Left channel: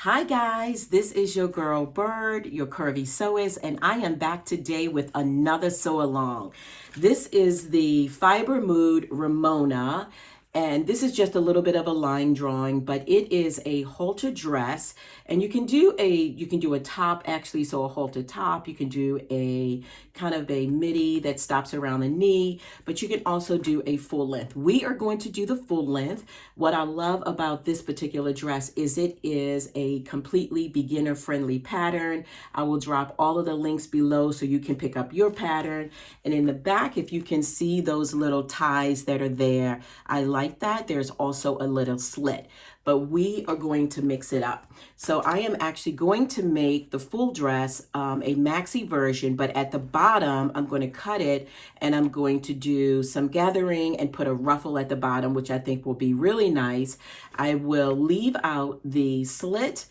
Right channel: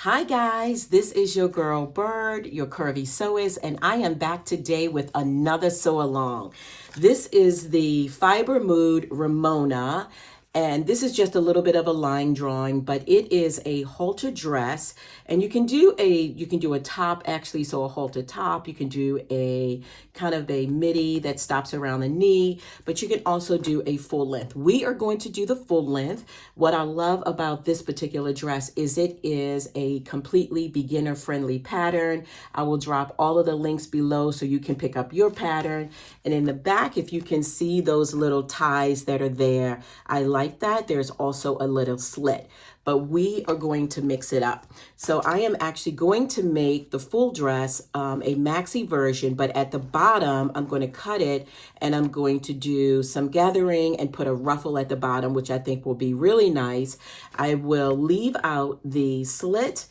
Hi guys, this is your girl Byrd, your curvy sewist, and I am back today with another sew along. This is the Fibre Mood Ramona, and this is just a little bit of a line drawing, but it is a halter dress, and you can do a top actually, so a halter top. You can do a kind of a midi that stops around the knee, but you can also do a full length. We are going to do the full length. What I love about this particular dress is it is a completely beginner friendly pattern. I will drop all of the links below so you can pick up your pattern. And in the back, if you can see those little ties that are there, I like that. There's also a little slit, but we are going to mix it up. So I am actually going to make the full dress a maxi version, but at the bottom, I'm going to cut it and I'm going to do some gathering and put a ruffle at the bottom, which I think will be really nice. I will leave out the slit.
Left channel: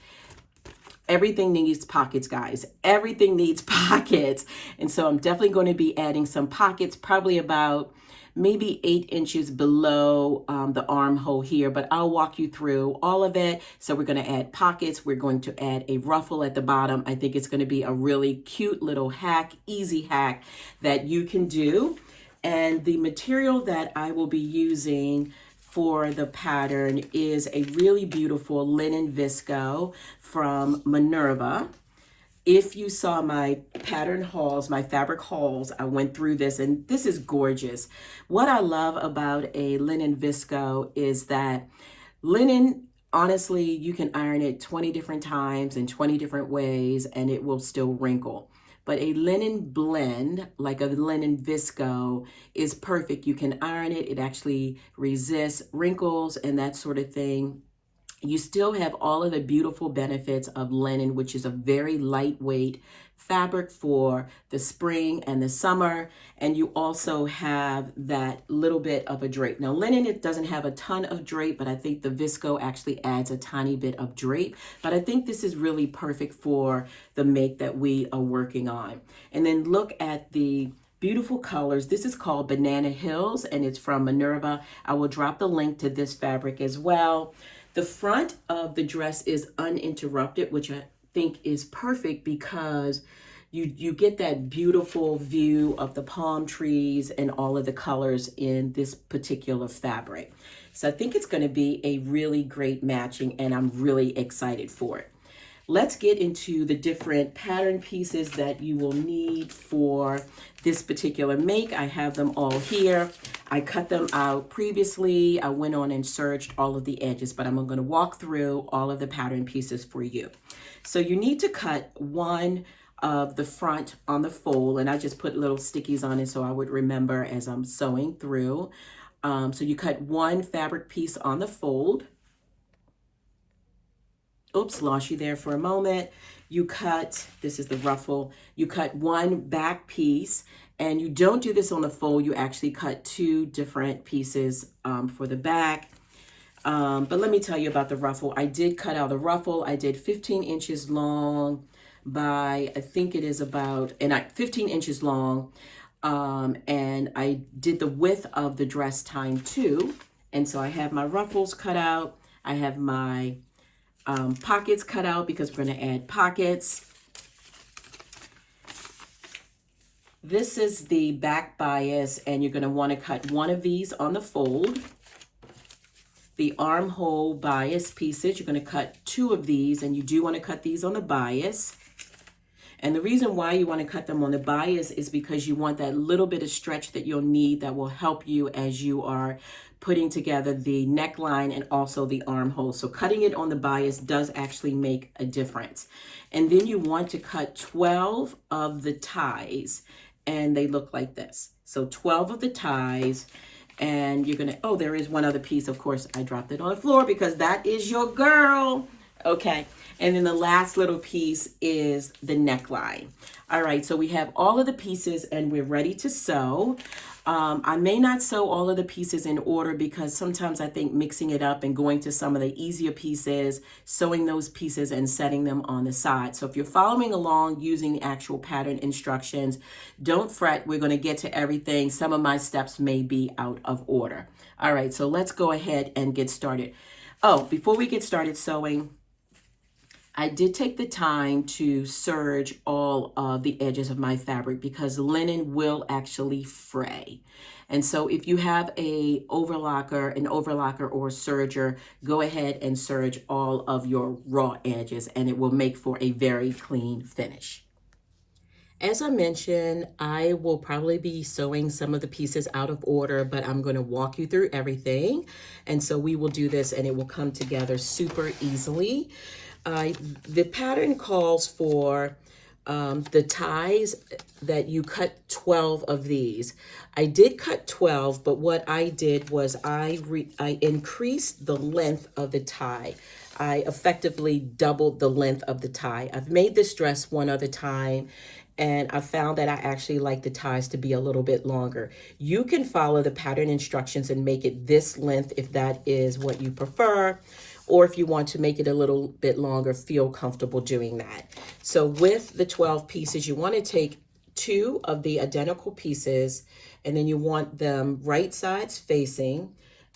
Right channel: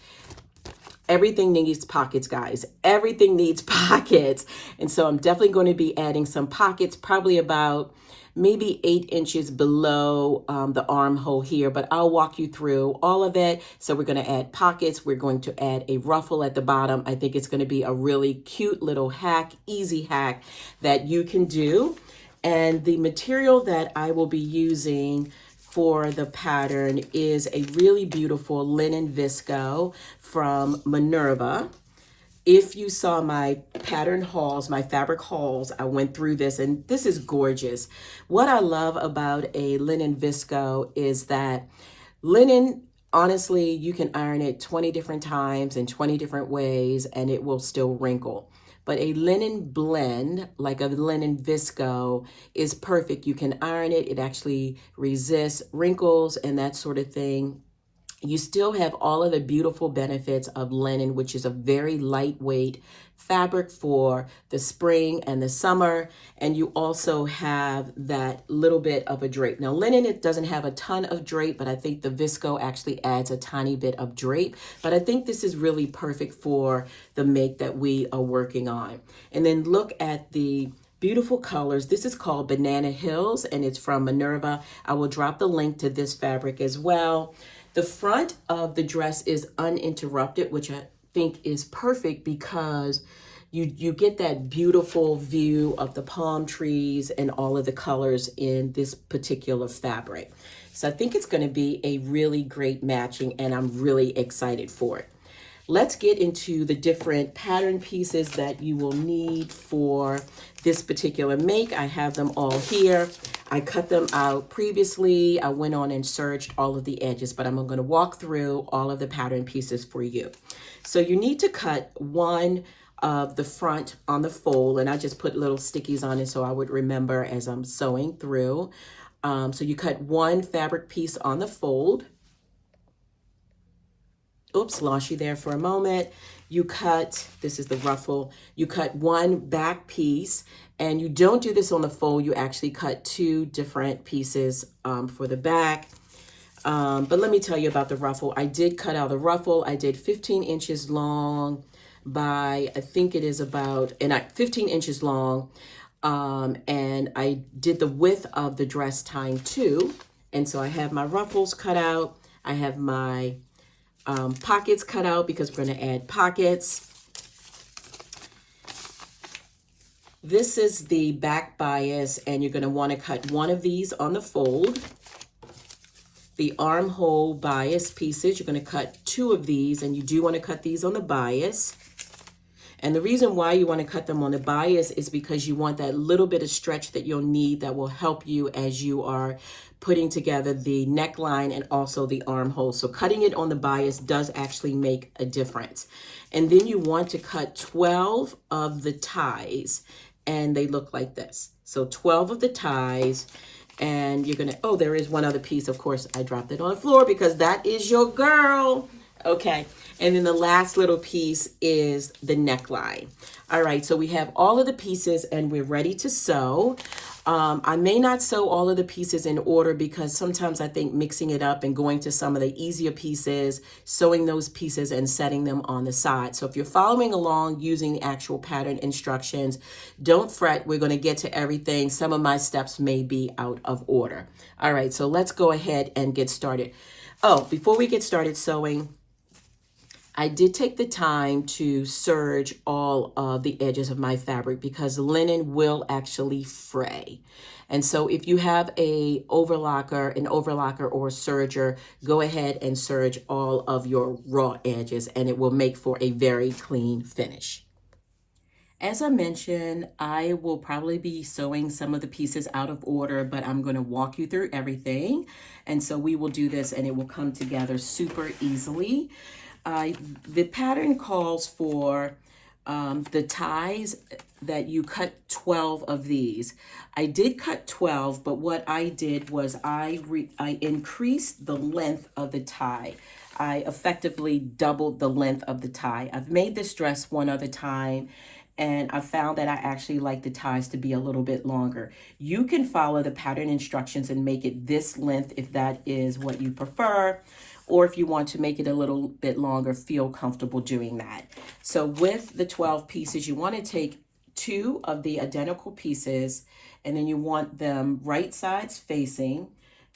Everything needs pockets, guys. Everything needs pockets. And so I'm definitely going to be adding some pockets, probably about maybe 8 inches below the armhole here, but I'll walk you through all of it. So we're going to add pockets. We're going to add a ruffle at the bottom. I think it's going to be a really cute little hack, easy hack that you can do. And the material that I will be using for the pattern is a really beautiful linen visco from Minerva. If you saw my pattern hauls, my fabric hauls, I went through this and this is gorgeous. What I love about a linen visco is that linen, honestly, you can iron it 20 different times in 20 different ways and it will still wrinkle. But a linen blend, like a linen visco, is perfect. You can iron it. It actually resists wrinkles and that sort of thing. You still have all of the beautiful benefits of linen, which is a very lightweight fabric for the spring and the summer. And you also have that little bit of a drape. Now, linen, it doesn't have a ton of drape, but I think the visco actually adds a tiny bit of drape. But I think this is really perfect for the make that we are working on. And then look at the beautiful colors. This is called Banana Hills, and it's from Minerva. I will drop the link to this fabric as well. The front of the dress is uninterrupted, which I think is perfect because you get that beautiful view of the palm trees and all of the colors in this particular fabric. So I think it's going to be a really great matching, and I'm really excited for it. Let's get into the different pattern pieces that you will need for this particular make. I have them all here. I cut them out previously. I went on and searched all of the edges, but I'm going to walk through all of the pattern pieces for you. So you need to cut one of the front on the fold, and I just put little stickies on it so I would remember as I'm sewing through. So you cut one fabric piece on the fold. Oops, lost you there for a moment. You cut, this is the ruffle, you cut one back piece, and you don't do this on the fold, you actually cut two different pieces for the back. But let me tell you about the ruffle. I did cut out the ruffle. I did 15 inches long by, I think it is about, 15 inches long. And I did the width of the dress time too. And so I have my ruffles cut out. I have my pockets cut out because we're going to add pockets. This is the back bias, and you're going to want to cut one of these on the fold. The armhole bias pieces, you're going to cut two of these, and you do want to cut these on the bias. And the reason why you want to cut them on the bias is because you want that little bit of stretch that you'll need that will help you as you are putting together the neckline and also the armhole. So cutting it on the bias does actually make a difference. And then you want to cut 12 of the ties, and they look like this. So 12 of the ties, and you're gonna, oh, there is one other piece. Of course, I dropped it on the floor because that is your girl. Okay, and then the last little piece is the neckline. All right, so we have all of the pieces and we're ready to sew. I may not sew all of the pieces in order because sometimes I think mixing it up and going to some of the easier pieces, sewing those pieces and setting them on the side. So if you're following along using the actual pattern instructions, don't fret, we're gonna get to everything. Some of my steps may be out of order. All right, so let's go ahead and get started. Oh, before we get started sewing, I did take the time to serge all of the edges of my fabric because linen will actually fray. And so if you have an overlocker or a serger, go ahead and serge all of your raw edges and it will make for a very clean finish. As I mentioned, I will probably be sewing some of the pieces out of order, but I'm going to walk you through everything. And so we will do this and it will come together super easily. The pattern calls for the ties that you cut 12 of these. I did cut 12, but what I did was I increased the length of the tie. I effectively doubled the length of the tie. I've made this dress one other time, and I found that I actually like the ties to be a little bit longer. You can follow the pattern instructions and make it this length if that is what you prefer, or if you want to make it a little bit longer, feel comfortable doing that. So with the 12 pieces, you want to take 2 of the identical pieces, and then you want them right sides facing.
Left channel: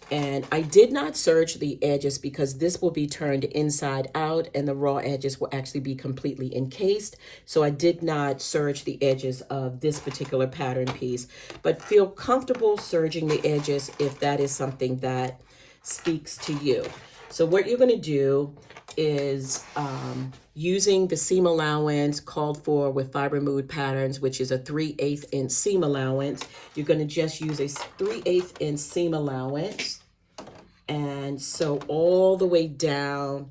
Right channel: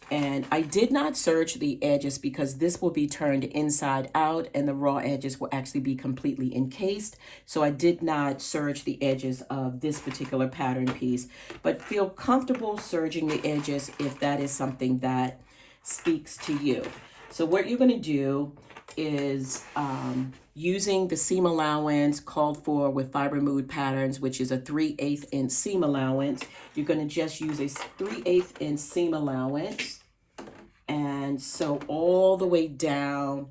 And I did not serge the edges because this will be turned inside out and the raw edges will actually be completely encased. So I did not serge the edges of this particular pattern piece, but feel comfortable serging the edges if that is something that speaks to you. So what you're going to do is using the seam allowance called for with Fibre Mood patterns, which is a 3/8 inch seam allowance. You're going to just use a 3/8 inch seam allowance and sew all the way down,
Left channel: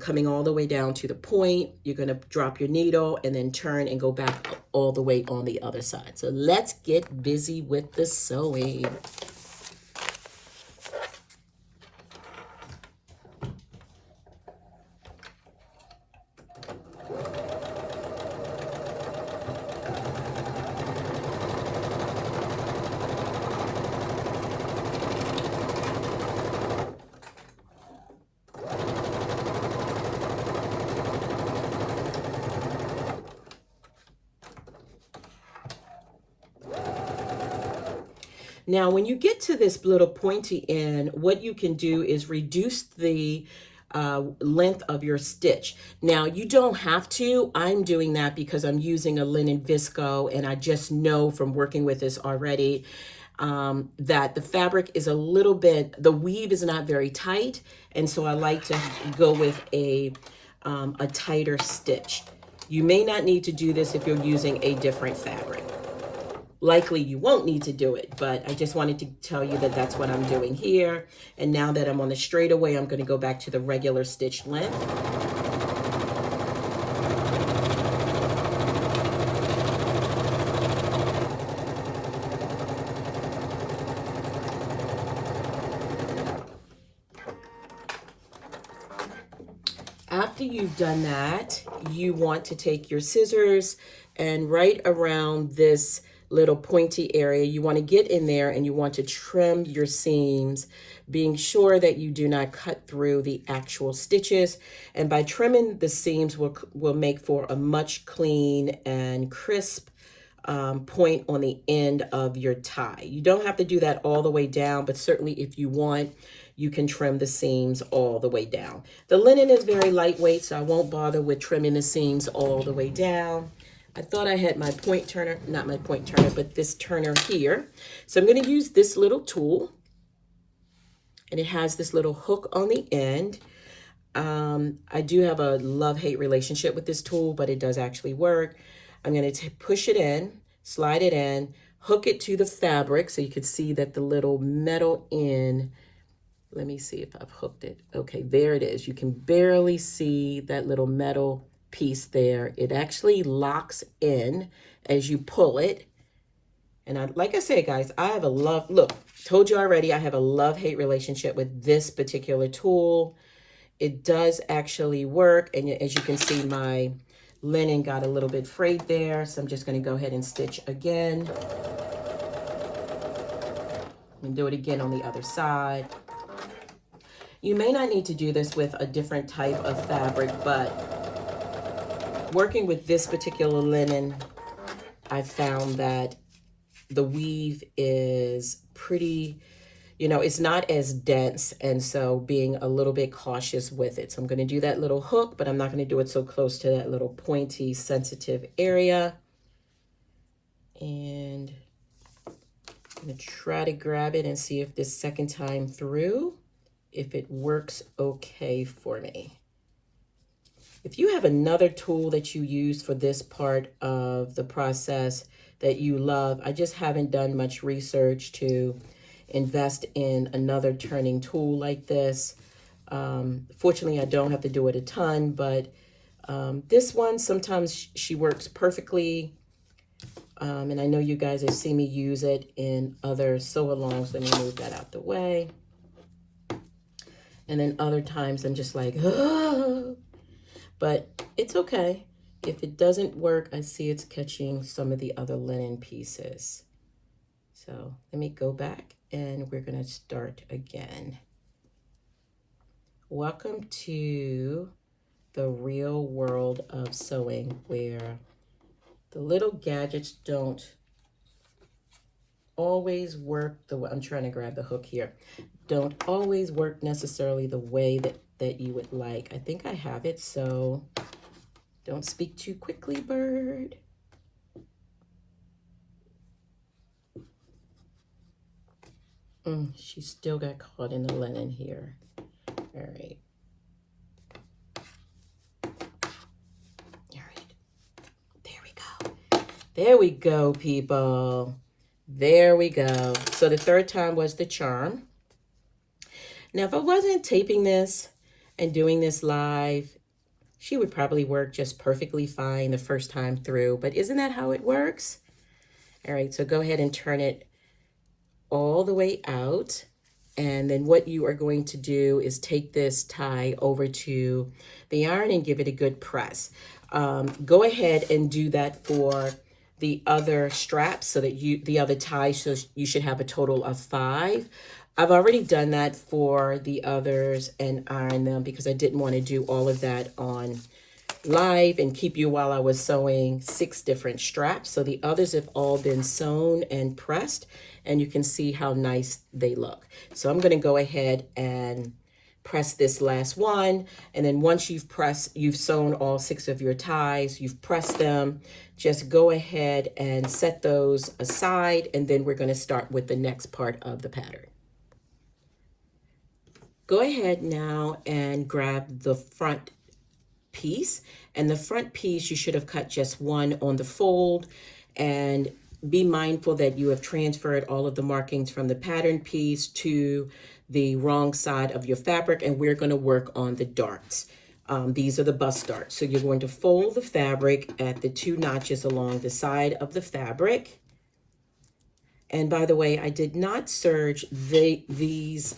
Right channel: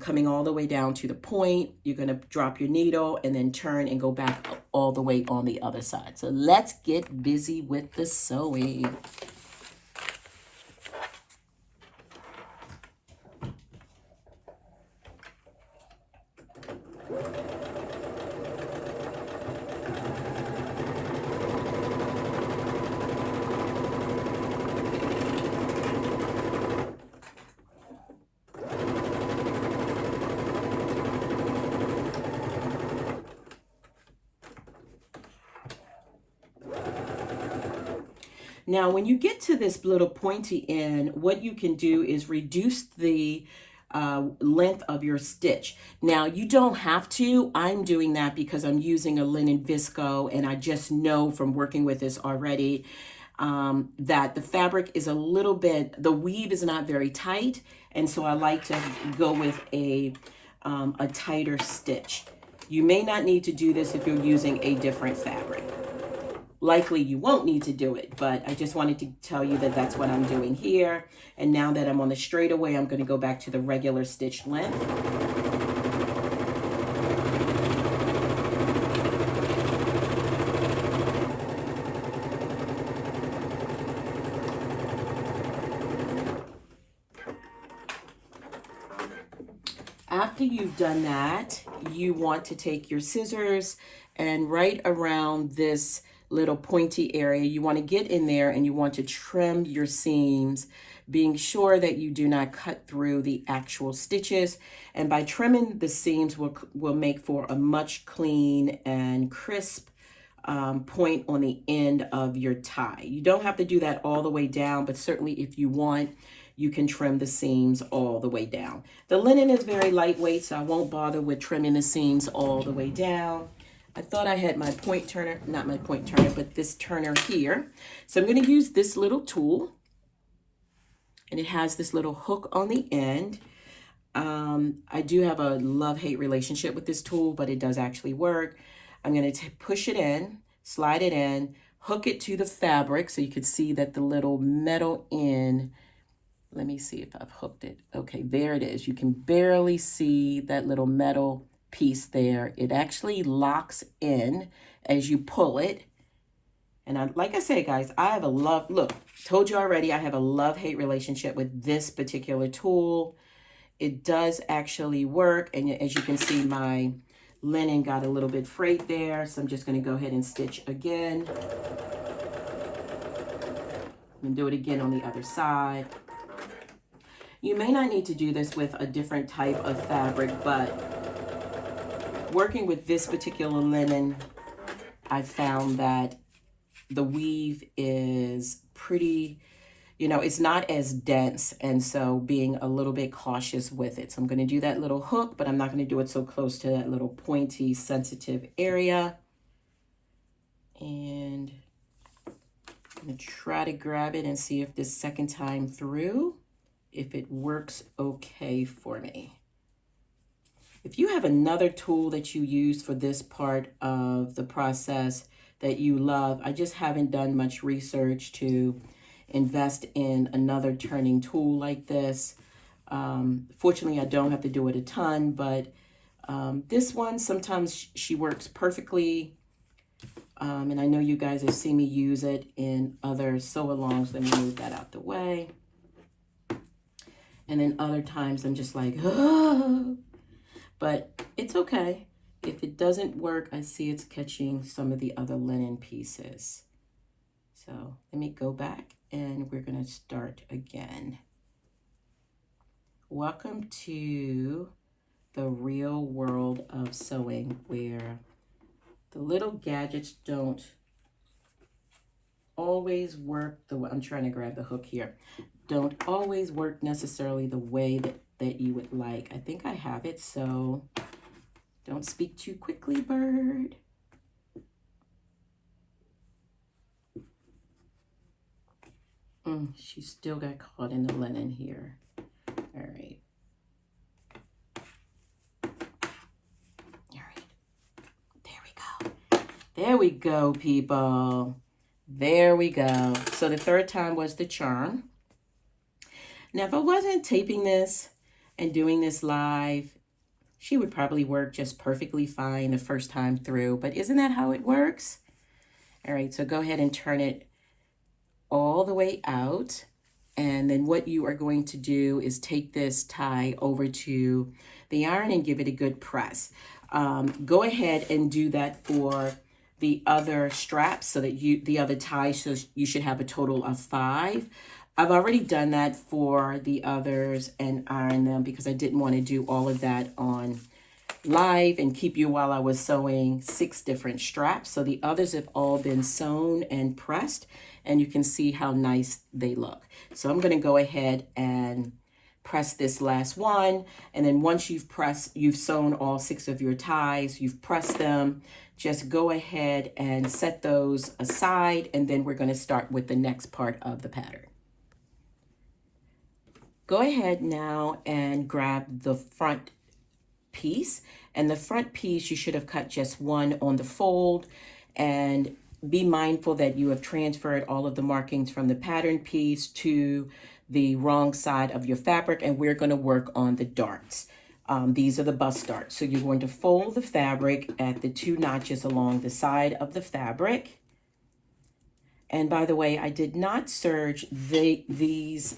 coming all the way down to the point. You're going to drop your needle and then turn and go back all the way on the other side. So let's get busy with the sewing. Now, when you get to this little pointy end, what you can do is reduce the length of your stitch. Now, you don't have to. I'm doing that because I'm using a linen visco, and I just know from working with this already that the fabric is a little bit, the weave is not very tight, and so I like to go with a tighter stitch. You may not need to do this if you're using a different fabric. Likely you won't need to do it, but I just wanted to tell you that that's what I'm doing here. And now that I'm on the straightaway, I'm going to go back to the regular stitch length. After you've done that, you want to take your scissors and right around this little pointy area, you want to get in there and you want to trim your seams, being sure that you do not cut through the actual stitches. And by trimming the seams will make for a much clean and crisp point on the end of your tie. You don't have to do that all the way down, but certainly if you want, you can trim the seams all the way down. The linen is very lightweight, so I won't bother with trimming the seams all the way down. I thought I had my point turner, not my point turner, but this turner here. So I'm going to use this little tool, and it has this little hook on the end. I do have a love-hate relationship with this tool, but it does actually work. I'm going to push it in, slide it in, hook it to the fabric so you can see that the little metal end, let me see if I've hooked it. Okay, there it is. You can barely see that little metal piece there. It actually locks in as you pull it. And like I said, guys, I have a look, told you already, I have a love-hate relationship with this particular tool. It does actually work. And as you can see, my linen got a little bit frayed there. So I'm just going to go ahead and stitch again. And do it again on the other side. You may not need to do this with a different type of fabric, but working with this particular linen, I found that the weave is pretty you know, it's not as dense, and so being a little bit cautious with it. So I'm going to do that little hook, but I'm not going to do it so close to that little pointy, sensitive area. And I'm going to try to grab it and see if this second time through, if it works okay for me. If you have another tool that you use for this part of the process that you love, I just haven't done much research to invest in another turning tool like this. Fortunately, I don't have to do it a ton, but this one, sometimes she works perfectly. And I know you guys have seen me use it in other sew-alongs. Let me move that out the way. And then other times I'm just like, oh. But it's okay. If it doesn't work, I see it's catching some of the other linen pieces. So let me go back and we're going to start again. Welcome to the real world of sewing, where the little gadgets don't always work the way, I'm trying to grab the hook here, don't always work necessarily the way that you would like. I think I have it, so don't speak too quickly, Byrd. She still got caught in the linen here. All right. All right. There we go. There we go, people. There we go. So the third time was the charm. Now, if I wasn't taping this and doing this live, she would probably work just perfectly fine the first time through. But isn't that how it works? All right, so go ahead and turn it all the way out. And then what you are going to do is take this tie over to the iron and give it a good press. Go ahead and do that for the other straps, so that the other tie, so you should have a total of 5. I've already done that for the others and iron them because I didn't want to do all of that on live and keep you while I was sewing 6 different straps. So the others have all been sewn and pressed, and you can see how nice they look. So I'm going to go ahead and press this last one. And then once you've sewn all 6 of your ties, you've pressed them, just go ahead and set those aside. And then we're going to start with the next part of the pattern. Go ahead now and grab the front piece. And the front piece, you should have cut just one on the fold. And be mindful that you have transferred all of the markings from the pattern piece to the wrong side of your fabric. And we're going to work on the darts. These are the bust darts. So you're going to fold the fabric at the 2 notches along the side of the fabric. And by the way, I did not serge these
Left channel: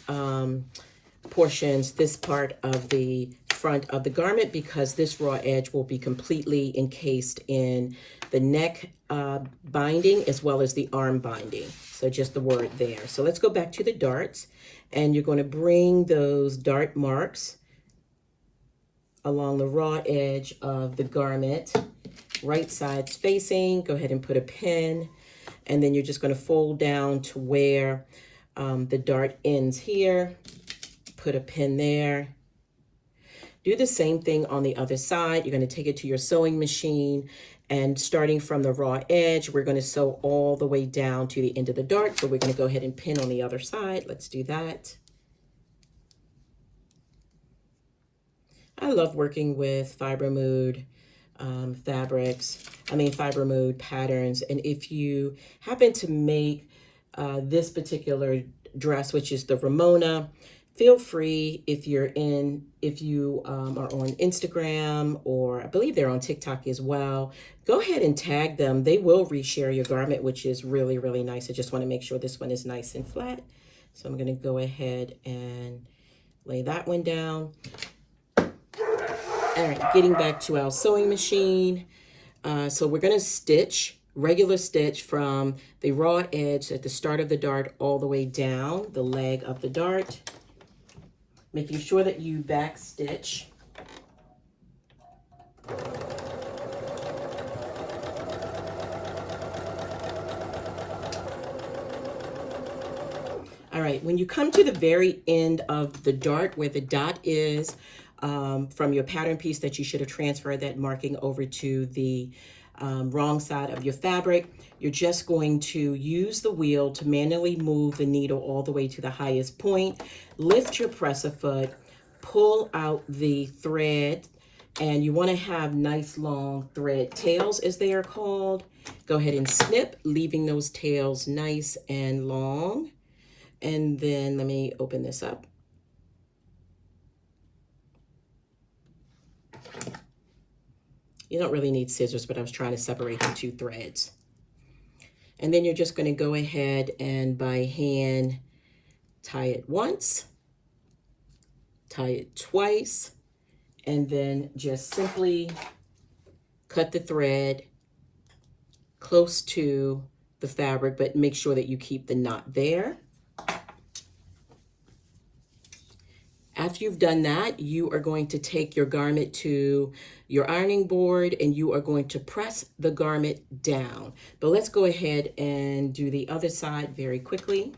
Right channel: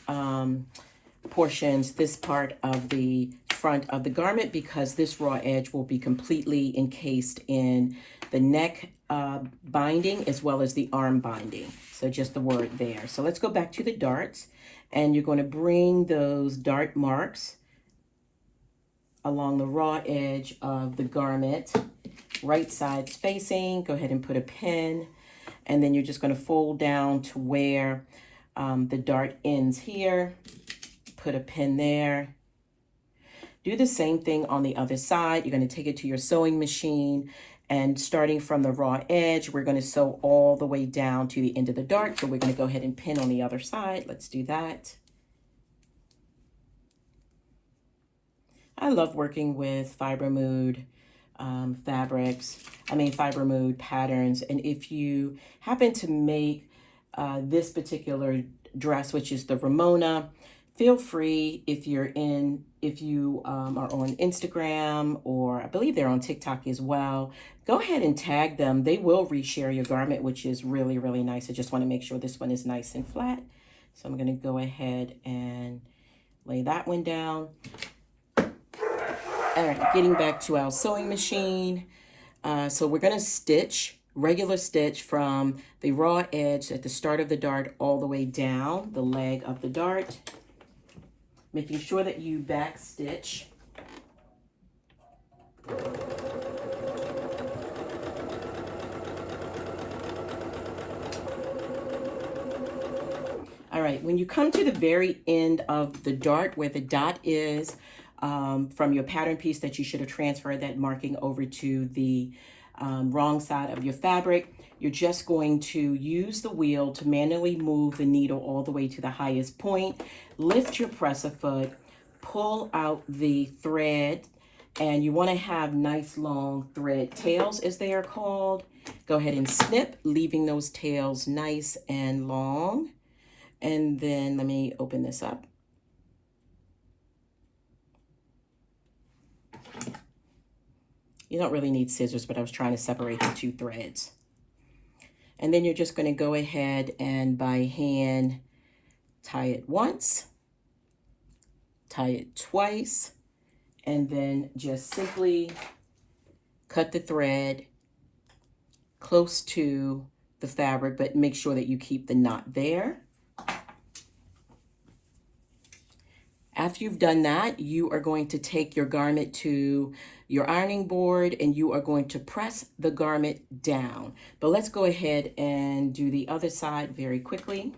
portions, this part of the front of the garment, because this raw edge will be completely encased in the neck binding as well as the arm binding. So just the word there. So let's go back to the darts, and you're going to bring those dart marks along the raw edge of the garment, right sides facing. Go ahead and put a pin, and then you're just going to fold down to where the dart ends here. Put a pin there. Do the same thing on the other side. You're going to take it to your sewing machine, and starting from the raw edge, we're going to sew all the way down to the end of the dart. So we're going to go ahead and pin on the other side. Let's do that. I love working with Fibre Mood Fibre Mood patterns. And if you happen to make this particular dress, which is the Ramona, feel free, if you are on Instagram, or I believe they're on TikTok as well, go ahead and tag them. They will reshare your garment, which is really, really nice. I just want to make sure this one is nice and flat. So I'm going to go ahead and lay that one down. All right, getting back to our sewing machine. So we're going to stitch, regular stitch from the raw edge at the start of the dart all the way down the leg of the dart, making sure that you back stitch. All right, when you come to the very end of the dart where the dot is from your pattern piece that you should have transferred that marking over to the wrong side of your fabric, you're just going to use the wheel to manually move the needle all the way to the highest point, lift your presser foot, pull out the thread, and you want to have nice long thread tails as they are called. Go ahead and snip, leaving those tails nice and long. And then let me open this up. You don't really need scissors, but I was trying to separate the two threads. And then you're just going to go ahead and by hand tie it once, tie it twice, and then just simply cut the thread close to the fabric, but make sure that you keep the knot there. After you've done that, you are going to take your garment to your ironing board and you are going to press the garment down. But let's go ahead and do the other side very quickly.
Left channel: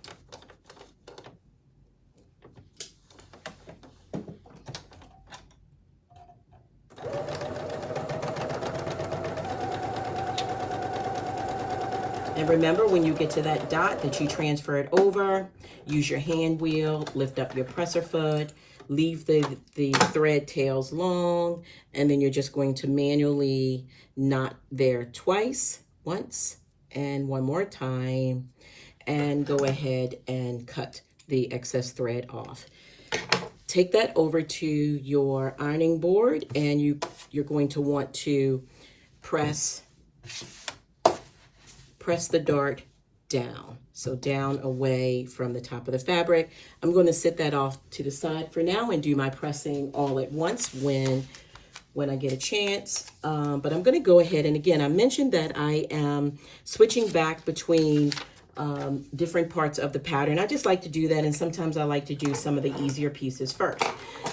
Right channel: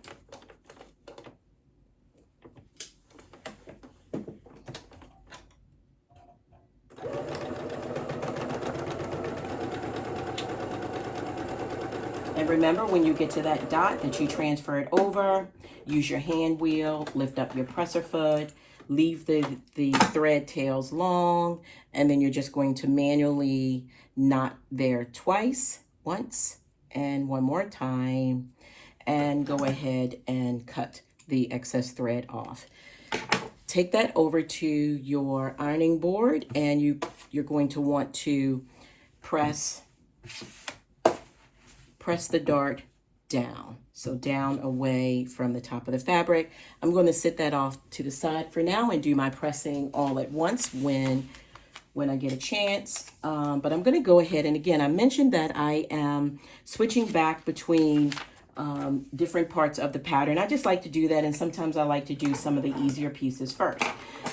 And remember, when you get to that dot that you transfer it over, use your hand wheel, lift up your presser foot, leave the thread tails long, and then you're just going to manually knot there twice, once, and one more time, and go ahead and cut the excess thread off. Take that over to your ironing board, and you're going to want to press the dart down. So down away from the top of the fabric. I'm going to sit that off to the side for now and do my pressing all at once when I get a chance. But I'm going to go ahead, and again, I mentioned that I am switching back between different parts of the pattern. I just like to do that, and sometimes I like to do some of the easier pieces first.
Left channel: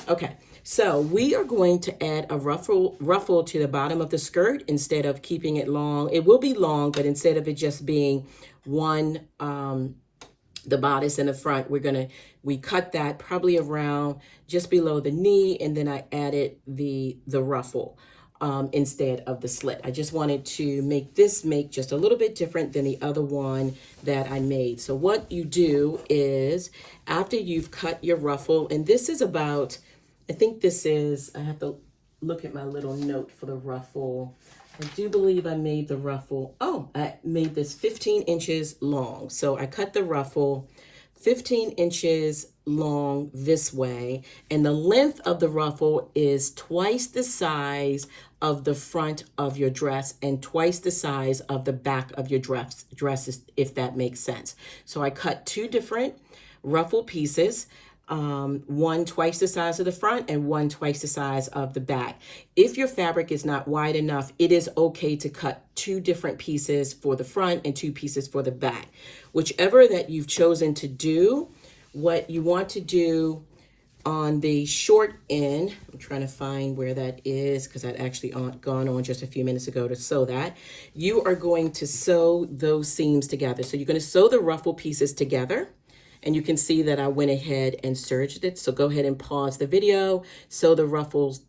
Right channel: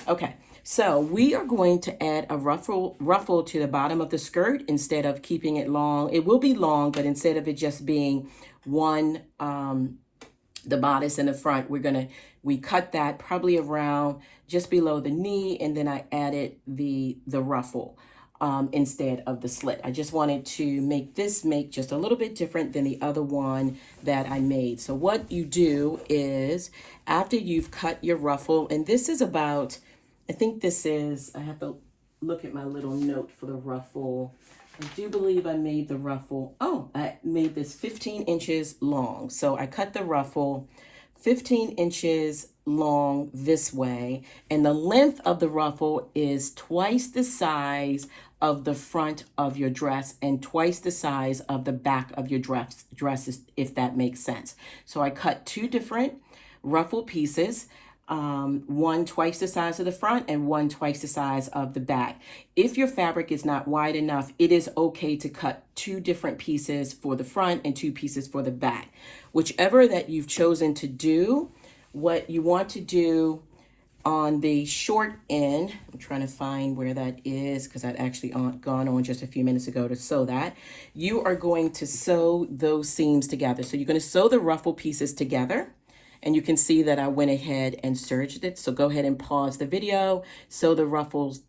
Okay. So we are going to add a ruffle to the bottom of the skirt instead of keeping it long. It will be long, but instead of it just being one, the bodice in the front, we cut that probably around just below the knee, and then I added the ruffle instead of the slit. I just wanted to make this just a little bit different than the other one that I made. So what you do is, after you've cut your ruffle, and this is about, I think this is, I have to look at my little note for the ruffle. I do believe I made the ruffle, I made this 15 inches long. So I cut the ruffle 15 inches long this way, and the length of the ruffle is twice the size of the front of your dress and twice the size of the back of your dresses, if that makes sense. So I cut two different ruffle pieces. One twice the size of the front and one twice the size of the back. If your fabric is not wide enough, it is okay to cut two different pieces for the front and two pieces for the back. Whichever that you've chosen to do, what you want to do on the short end, I'm trying to find where that is because I'd actually gone on just a few minutes ago to sew that. You are going to sew those seams together. So you're going to sew the ruffle pieces together. And you can see that I went ahead and serged it. So go ahead and pause the video, sew the ruffles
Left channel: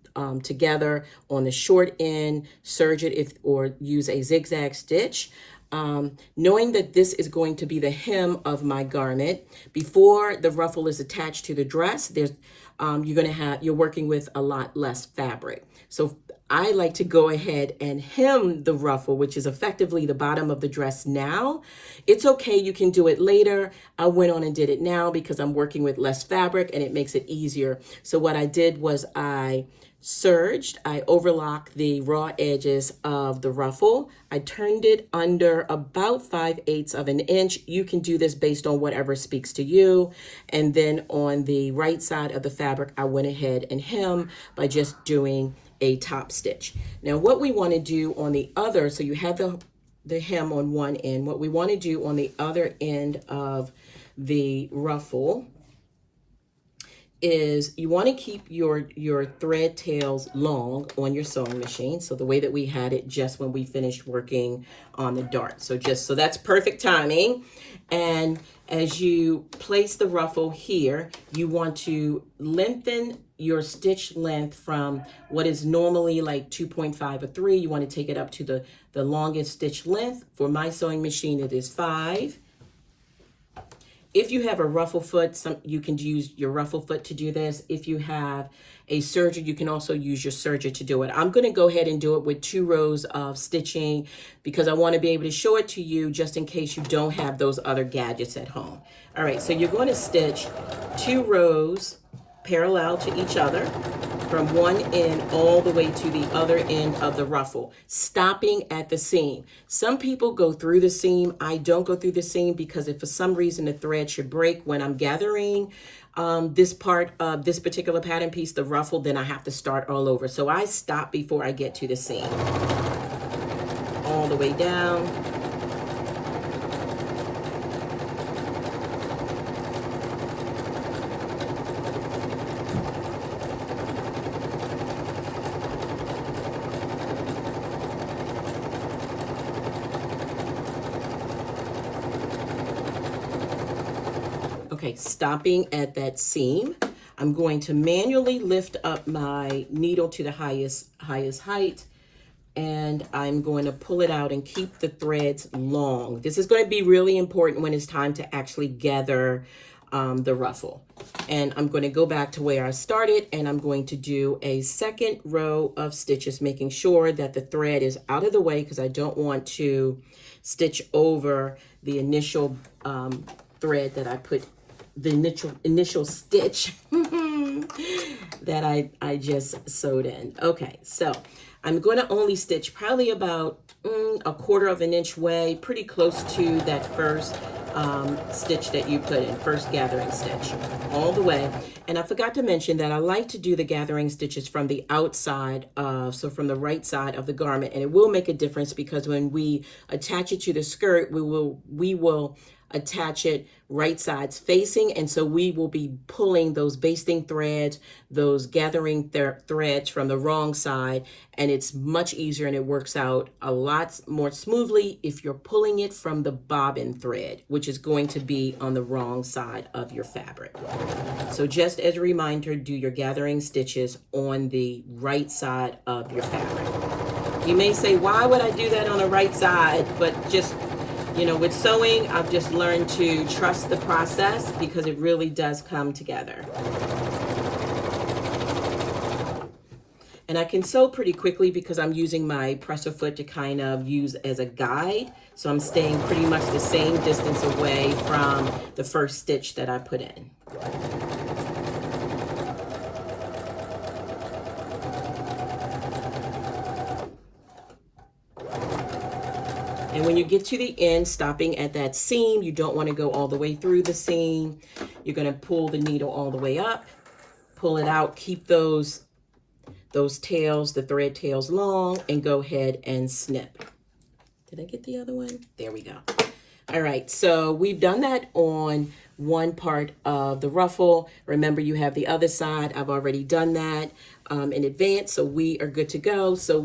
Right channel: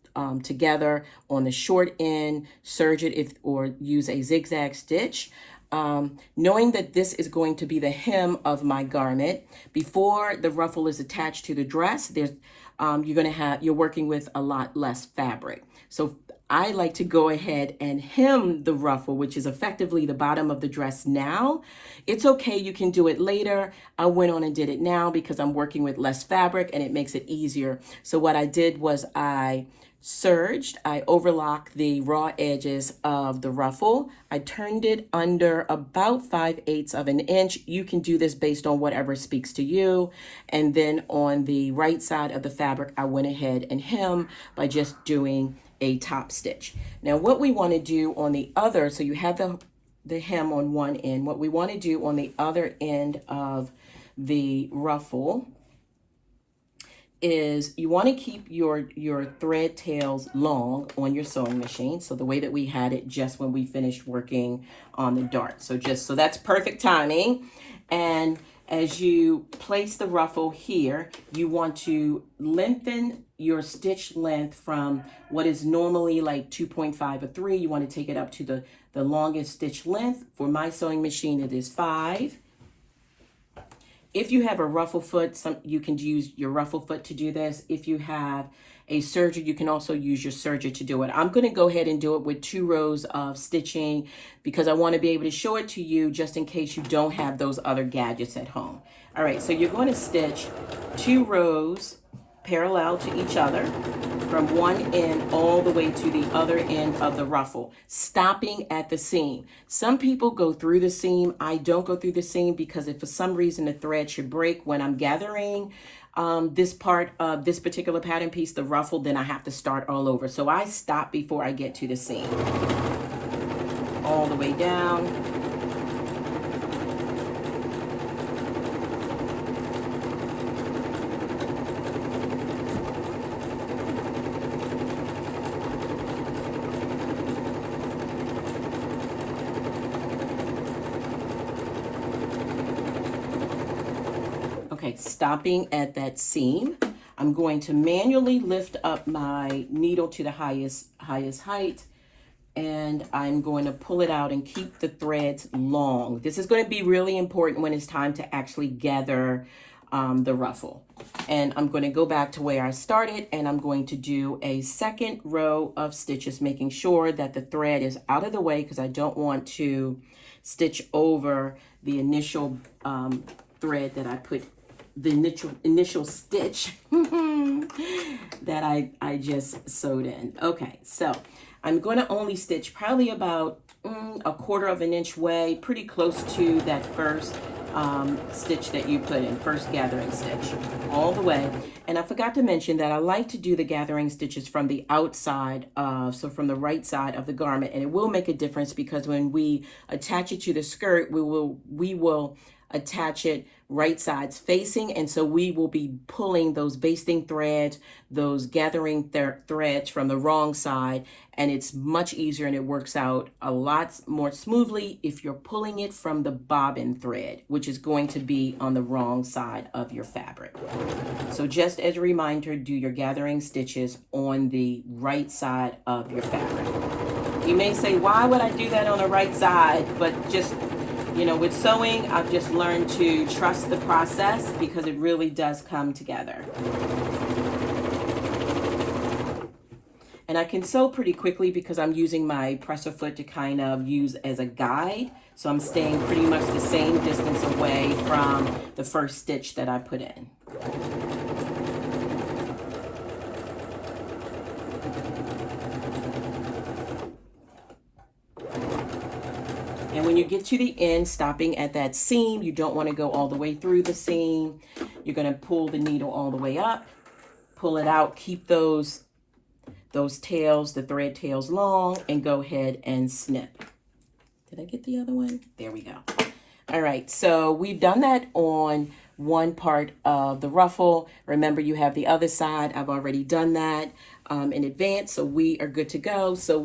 together on the short end, serge it or use a zigzag stitch. Knowing that this is going to be the hem of my garment, before the ruffle is attached to the dress, you're working with a lot less fabric. So I like to go ahead and hem the ruffle, which is effectively the bottom of the dress now. It's okay, you can do it later. I went on and did it now because I'm working with less fabric and it makes it easier. So what I did was I serged, I overlocked the raw edges of the ruffle. I turned it under about 5/8 of an inch. You can do this based on whatever speaks to you. And then on the right side of the fabric, I went ahead and hem by just doing a top stitch. Now what we want to do on the other, so you have the hem on one end, what we want to do on the other end of the ruffle is you want to keep your thread tails long on your sewing machine. So the way that we had it just when we finished working on the dart. So that's perfect timing. And As you place the ruffle here, you want to lengthen your stitch length from what is normally like 2.5 or 3. You want to take it up to the longest stitch length. For my sewing machine, it is 5. If you have a ruffle foot, you can use your ruffle foot to do this. If you have a serger, you can also use your serger to do it. I'm going to go ahead and do it with 2 rows of stitching because I want to be able to show it to you just in case you don't have those other gadgets at home. All right, so you're going to stitch 2 rows parallel to each other from one end all the way to the other end of the ruffle, stopping at the seam. Some people go through the seam. I don't go through the seam because if for some reason the thread should break when I'm gathering this part of this particular pattern piece, the ruffle, then I have to start all over. So I stop before I get to the seam. All the way down. Okay, stopping at that seam, I'm going to manually lift up my needle to the highest height, and I'm going to pull it out and keep the threads long. This is going to be really important when it's time to actually gather the ruffle. And I'm going to go back to where I started, and I'm going to do a second row of stitches, making sure that the thread is out of the way because I don't want to stitch over the initial thread that I put, the initial stitch that I just sewed in. Okay, so I'm going to only stitch probably about 1/4 of an inch way, pretty close to that first stitch that you put in, first gathering stitch, all the way. And I forgot to mention that I like to do the gathering stitches from the outside, so from the right side of the garment, and it will make a difference because when we attach it to the skirt, we will attach it right sides facing, and so we will be pulling those basting threads, those gathering threads from the wrong side, and it's much easier and it works out a lot more smoothly if you're pulling it from the bobbin thread, which is going to be on the wrong side of your fabric. So just as a reminder, do your gathering stitches on the right side of your fabric. You may say, why would I do that on the right side? But just, you know, with sewing, I've just learned to trust the process because it really does come together. And I can sew pretty quickly because I'm using my presser foot to kind of use as a guide. So I'm staying pretty much the same distance away from the first stitch that I put in. And when you get to the end, stopping at that seam, you don't want to go all the way through the seam. You're going to pull the needle all the way up, pull it out, keep those tails, the thread tails long, and go ahead and snip. Did I get the other one? There we go. All right, so we've done that on one part of the ruffle. Remember, you have the other side. I've already done that in advance, so we are good to go. So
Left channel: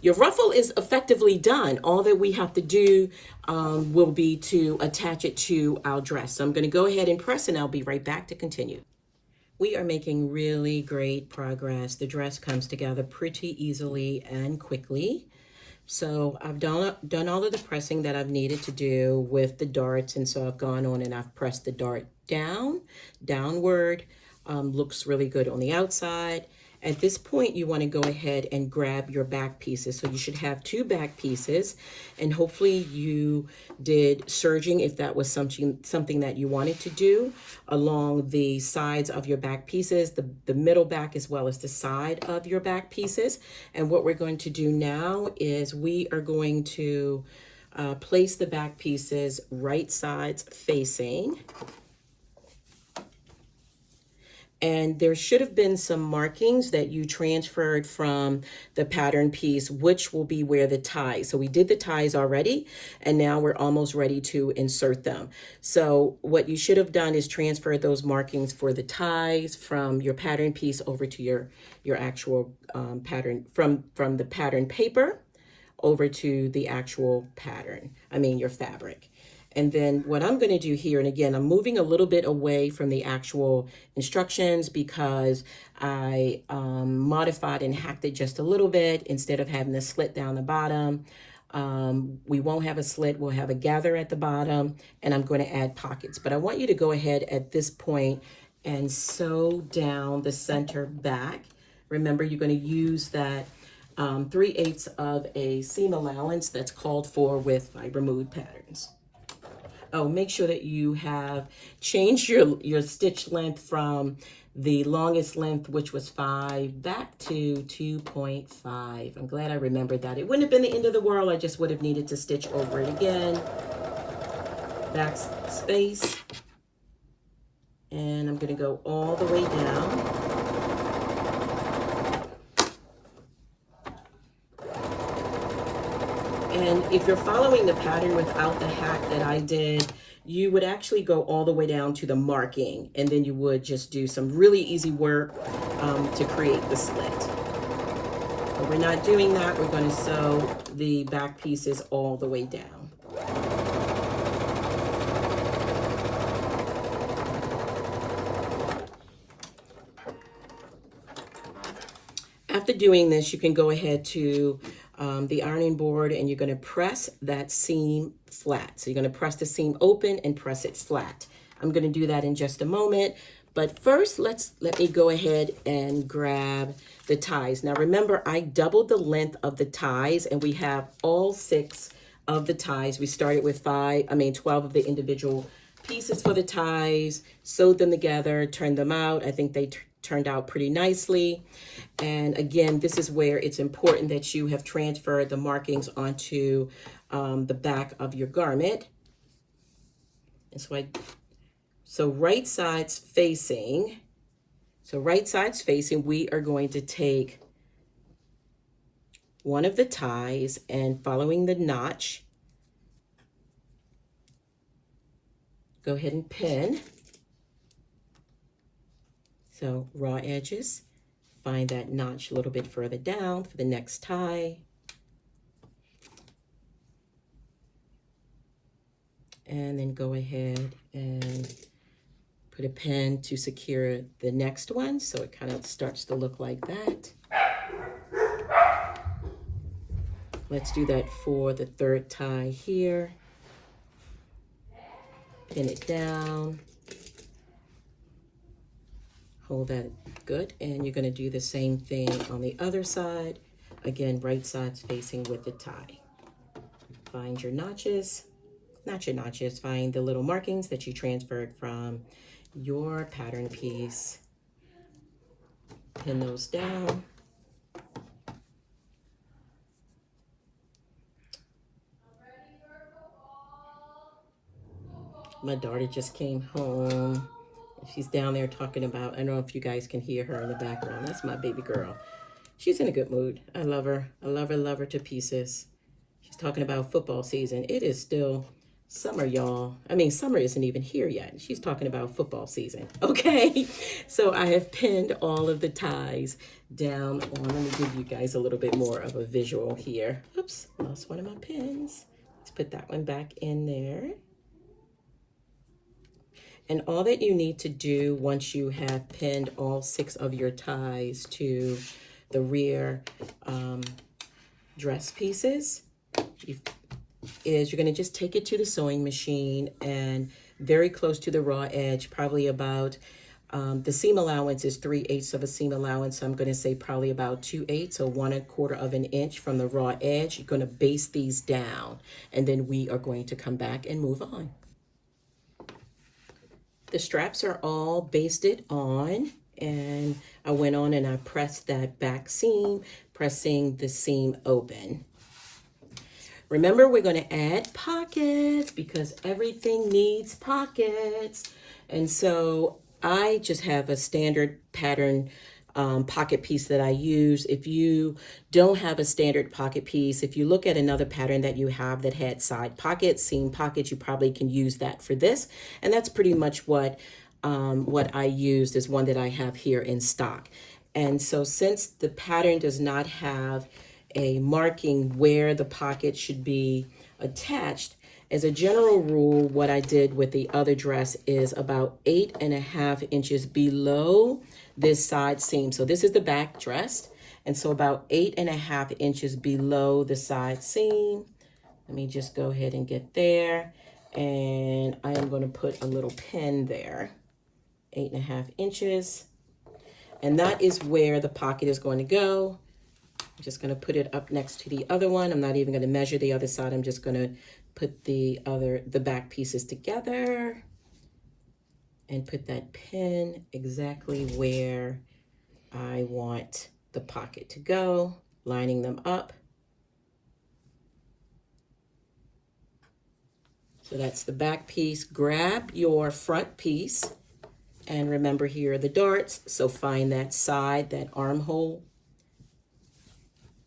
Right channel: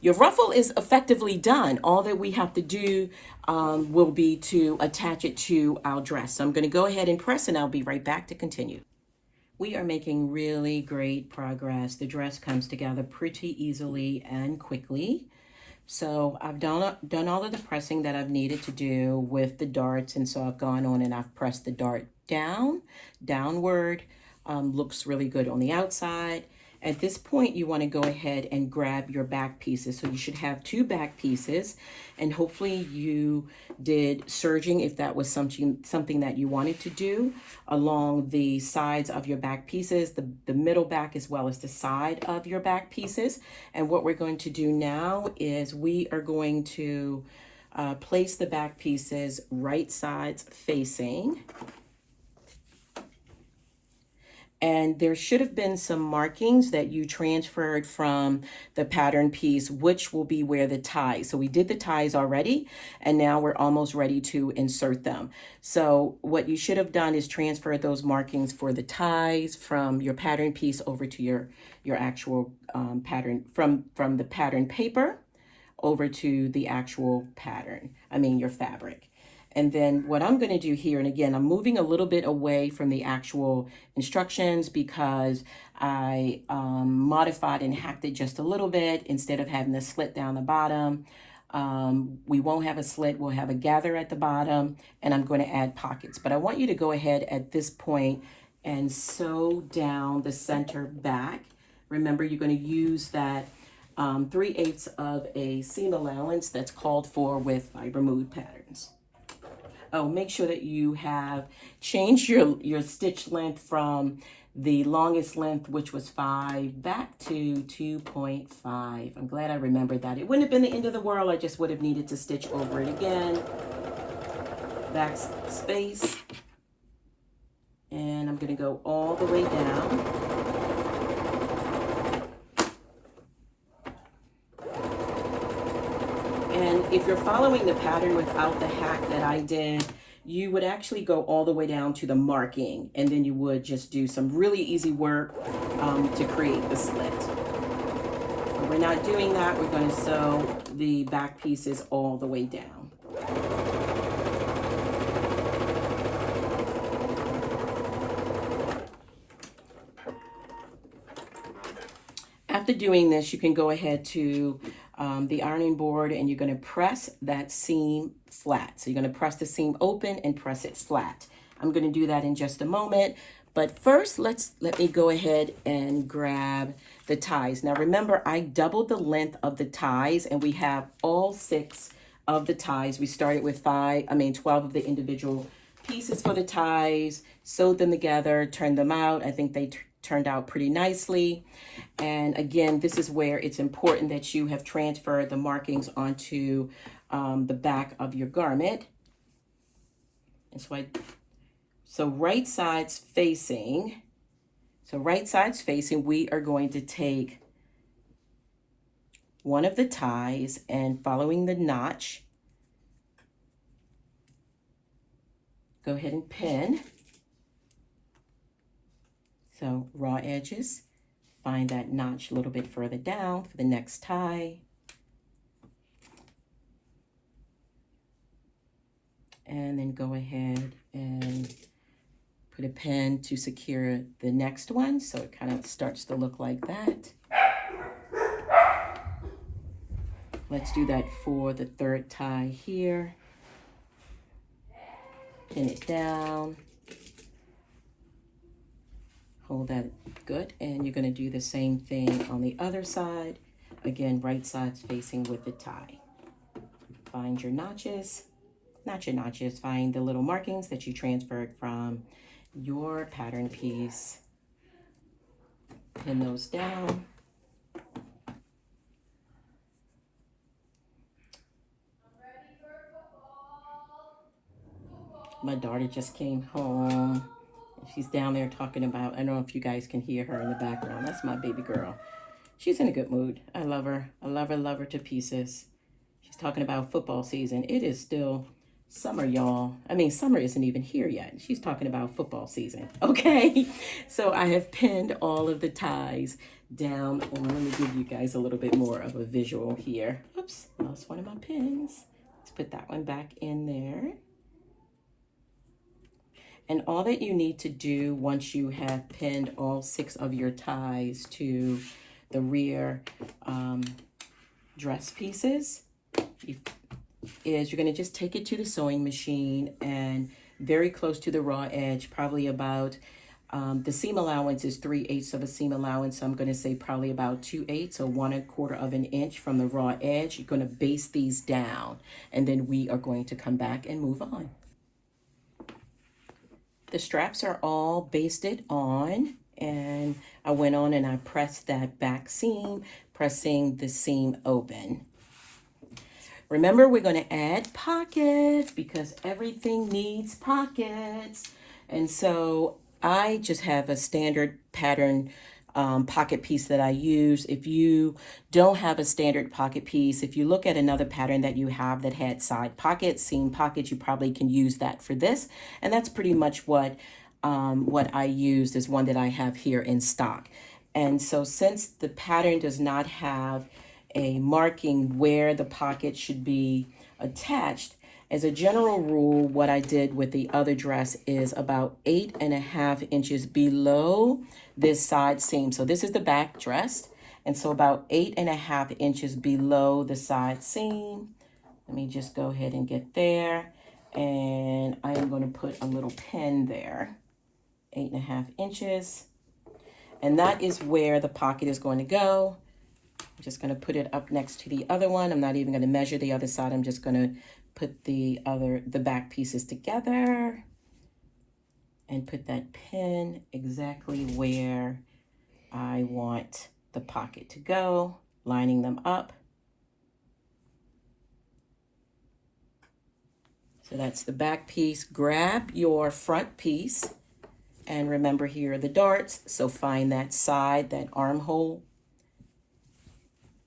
your ruffle is effectively done. All that we have to do will be to attach it to our dress. So I'm going to go ahead and press, and I'll be right back to continue. We are making really great progress. The dress comes together pretty easily and quickly. So I've done all of the pressing that I've needed to do with the darts, and so I've gone on and I've pressed the dart downward. Looks really good on the outside. At this point, you want to go ahead and grab your back pieces. So you should have 2 back pieces, and hopefully you did serging if that was something that you wanted to do along the sides of your back pieces, the middle back as well as the side of your back pieces. And what we're going to do now is we are going to place the back pieces right sides facing. And there should have been some markings that you transferred from the pattern piece, which will be where the ties. So we did the ties already, and now we're almost ready to insert them. So what you should have done is transfer those markings for the ties from your pattern piece over to your actual pattern, from the pattern paper over to the actual pattern, your fabric. And then what I'm going to do here, and again, I'm moving a little bit away from the actual instructions because I modified and hacked it just a little bit instead of having a slit down the bottom. We won't have a slit, we'll have a gather at the bottom, and I'm going to add pockets. But I want you to go ahead at this point and sew down the center back. Remember, you're going to use that 3/8 of a seam allowance that's called for with Fibre Mood patterns. Oh, make sure that you have changed your stitch length from the longest length, which was 5, back to 2.5. I'm glad I remembered that. It wouldn't have been the end of the world. I just would have needed to stitch over it again. Back space. And I'm going to go all the way down. And if you're following the pattern without the hack that I did, you would actually go all the way down to the marking, and then you would just do some really easy work to create the slit. But we're not doing that. We're going to sew the back pieces all the way down. After doing this, you can go ahead to the ironing board and you're going to press that seam flat. So you're going to press the seam open and press it flat. I'm going to do that in just a moment. But first, let me go ahead and grab the ties. Now remember, I doubled the length of the ties and we have all 6 of the ties. We started with 12 of the individual pieces for the ties, sewed them together, turned them out. I think they turned out pretty nicely. And again, this is where it's important that you have transferred the markings onto the back of your garment. It's like, so right sides facing, we are going to take one of the ties and following the notch, go ahead and pin. So raw edges, find that notch a little bit further down for the next tie. And then go ahead and put a pin to secure the next one so it kind of starts to look like that. Let's do that for the 3rd tie here. Pin it down. Hold that good, and you're going to do the same thing on the other side. Again, right sides facing with the tie. Find your notches, not your notches, find the little markings that you transferred from your pattern piece. Pin those down. My daughter just came home. She's down there talking about, I don't know if you guys can hear her in the background. That's my baby girl. She's in a good mood. I love her. I love her to pieces. She's talking about football season. It is still summer, y'all. I mean, summer isn't even here yet. She's talking about football season. Okay. So I have pinned all of the ties down. And let me give you guys a little bit more of a visual here. Oops, lost one of my pins. Let's put that one back in there. And all that you need to do once you have pinned all 6 of your ties to the rear dress pieces is you're going to just take it to the sewing machine and very close to the raw edge, probably about, the seam allowance is 3/8 of a seam allowance. So I'm going to say probably about 2/8, so 1/4 of an inch from the raw edge. You're going to base these down and then we are going to come back and move on. The straps are all basted on, and I went on and I pressed that back seam, pressing the seam open. Remember, we're going to add pockets because everything needs pockets. And so I just have a standard pattern pocket piece that I use. If you don't have a standard pocket piece, if you look at another pattern that you have that had side pockets, seam pockets, you probably can use that for this. And that's pretty much what I used is one that I have here in stock. And so since the pattern does not have a marking where the pocket should be attached, As a general rule, what I did with the other dress is about 8.5 inches below this side seam. So this is the back dress. And so about 8.5 inches below the side seam. Let me just go ahead and get there. And I am going to put a little pin there, 8.5 inches. And that is where the pocket is going to go. I'm just going to put it up next to the other one. I'm not even going to measure the other side. I'm just going to put the back pieces together and put that pin exactly where I want the pocket to go, lining them up. So that's the back piece. Grab your front piece, and remember, here are the darts. So find that side, that armhole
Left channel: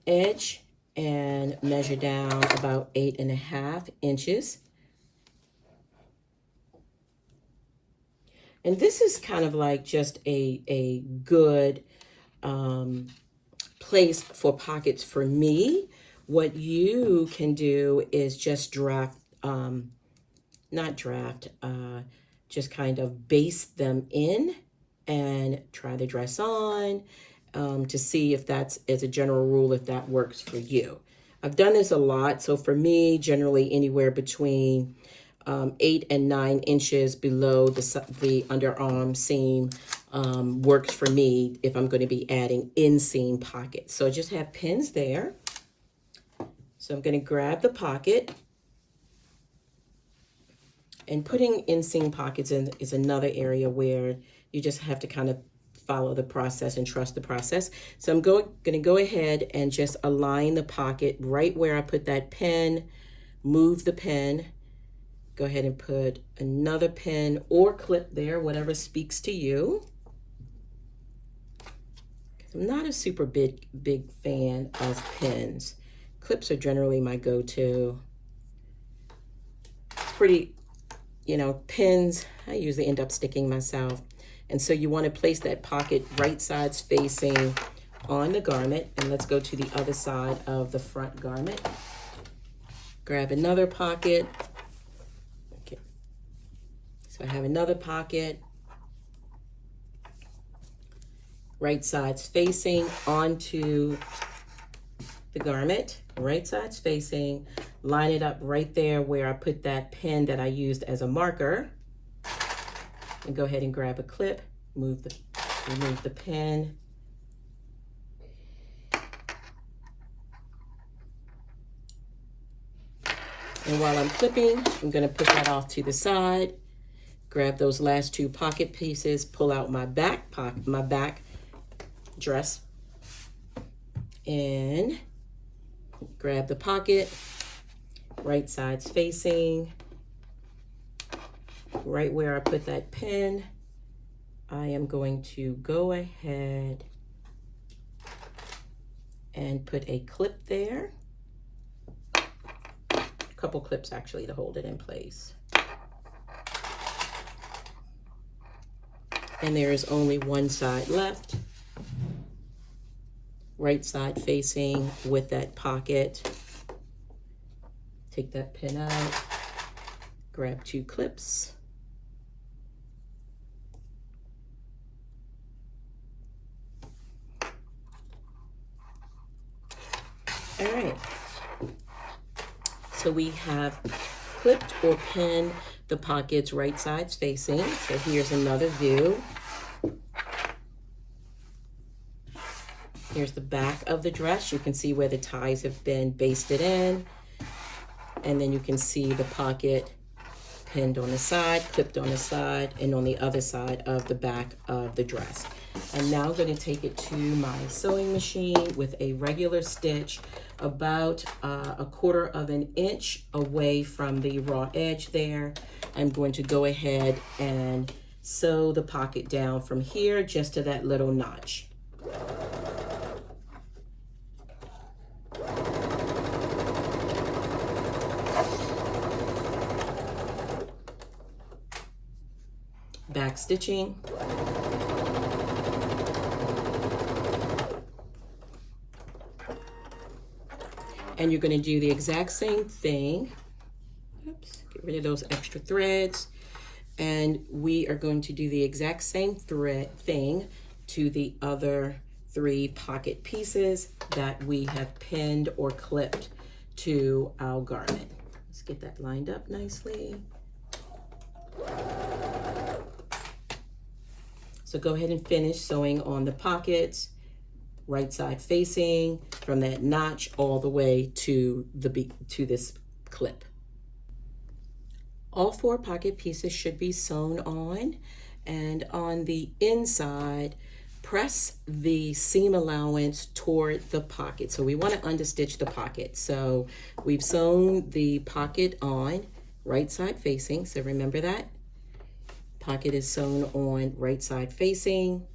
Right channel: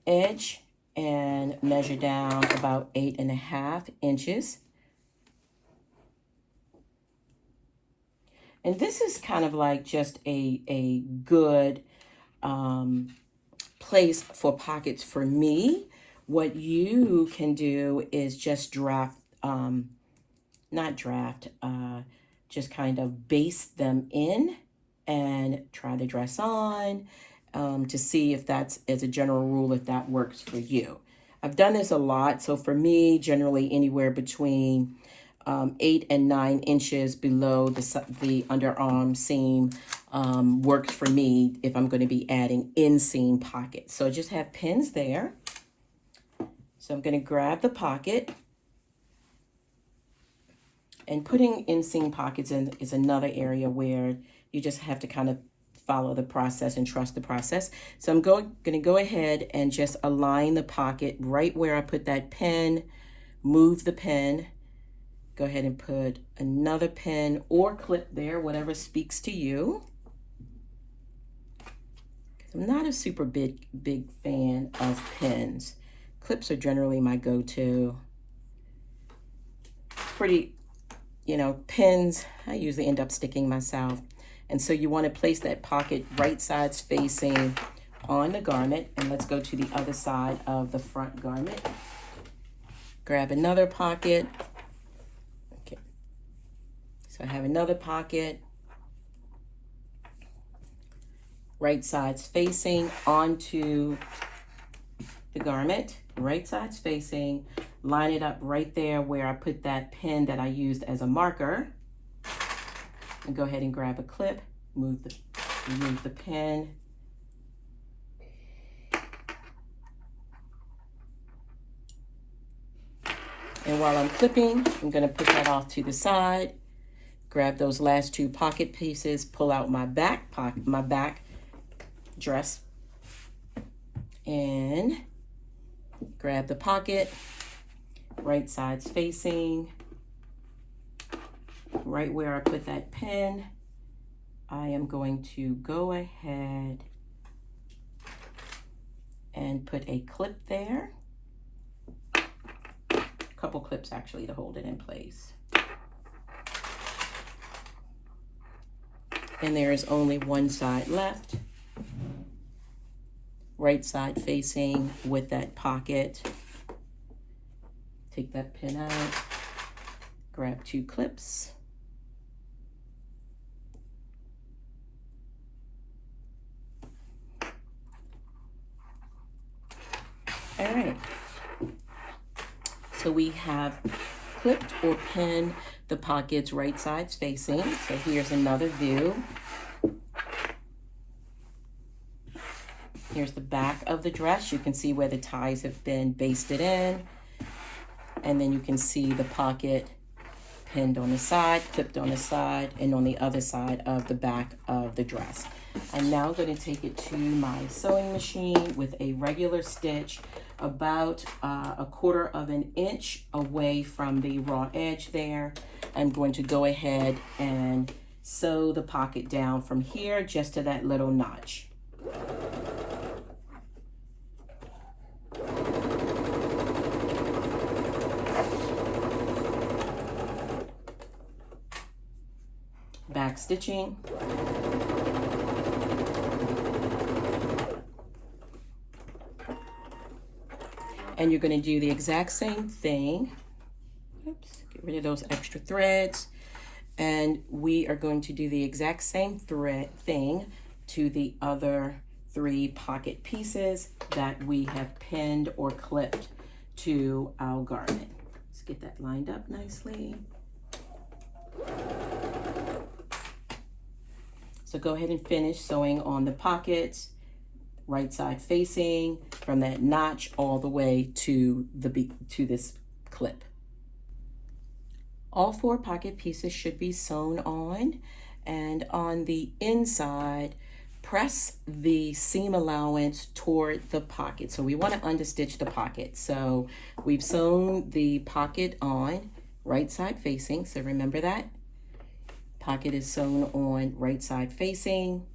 edge, and measure down about 8.5 inches. And this is kind of like just a good place for pockets for me. What you can do is just just kind of baste them in and try the dress on to see if that's, as a general rule, if that works for you. I've done this a lot. So for me, generally anywhere between 8 and 9 inches below the underarm seam works for me if I'm going to be adding inseam pockets. So just have pins there. So I'm going to grab the pocket. And putting inseam pockets in is another area where you just have to kind of follow the process and trust the process. So I'm going to go ahead and just align the pocket right where I put that pin, move the pin, go ahead and put another pin or clip there, whatever speaks to you. I'm not a super big fan of pins. Clips are generally my go-to. It's pretty, pins, I usually end up sticking myself. And so you want to place that pocket right sides facing on the garment. And let's go to the other side of the front garment. Grab another pocket. Okay. So I have another pocket. Right sides facing onto the garment. Right sides facing. Line it up right there where I put that pin that I used as a marker. And go ahead and grab a clip, remove the pin. And while I'm clipping, I'm going to put that off to the side. Grab those last two pocket pieces, pull out my back dress, and grab the pocket, right sides facing. Right where I put that pin, I am going to go ahead and put a clip there. A couple clips actually to hold it in place. And there is only one side left. Right side facing with that pocket. Take that pin out, grab two clips. All right, so we have clipped or pinned the pockets right sides facing. So here's another view. Here's the back of the dress. You can see where the ties have been basted in. And then you can see the pocket pinned on the side, clipped on the side, and on the other side of the back of the dress. I'm now going to take it to my sewing machine with a regular stitch about 1/4 of an inch away from the raw edge there. I'm going to go ahead and sew the pocket down from here just to that little notch. Back stitching. And you're going to do the exact same thing. Oops, get rid of those extra threads. And we are going to do the exact same thing to the other 3 pocket pieces that we have pinned or clipped to our garment. Let's get that lined up nicely. So go ahead and finish sewing on the pockets, right side facing, from that notch all the way to this clip. All 4 pocket pieces should be sewn on, and on the inside, press the seam allowance toward the pocket. So we want to understitch the pocket. So we've sewn the pocket on, right side facing, so remember that. Pocket is sewn on right side facing.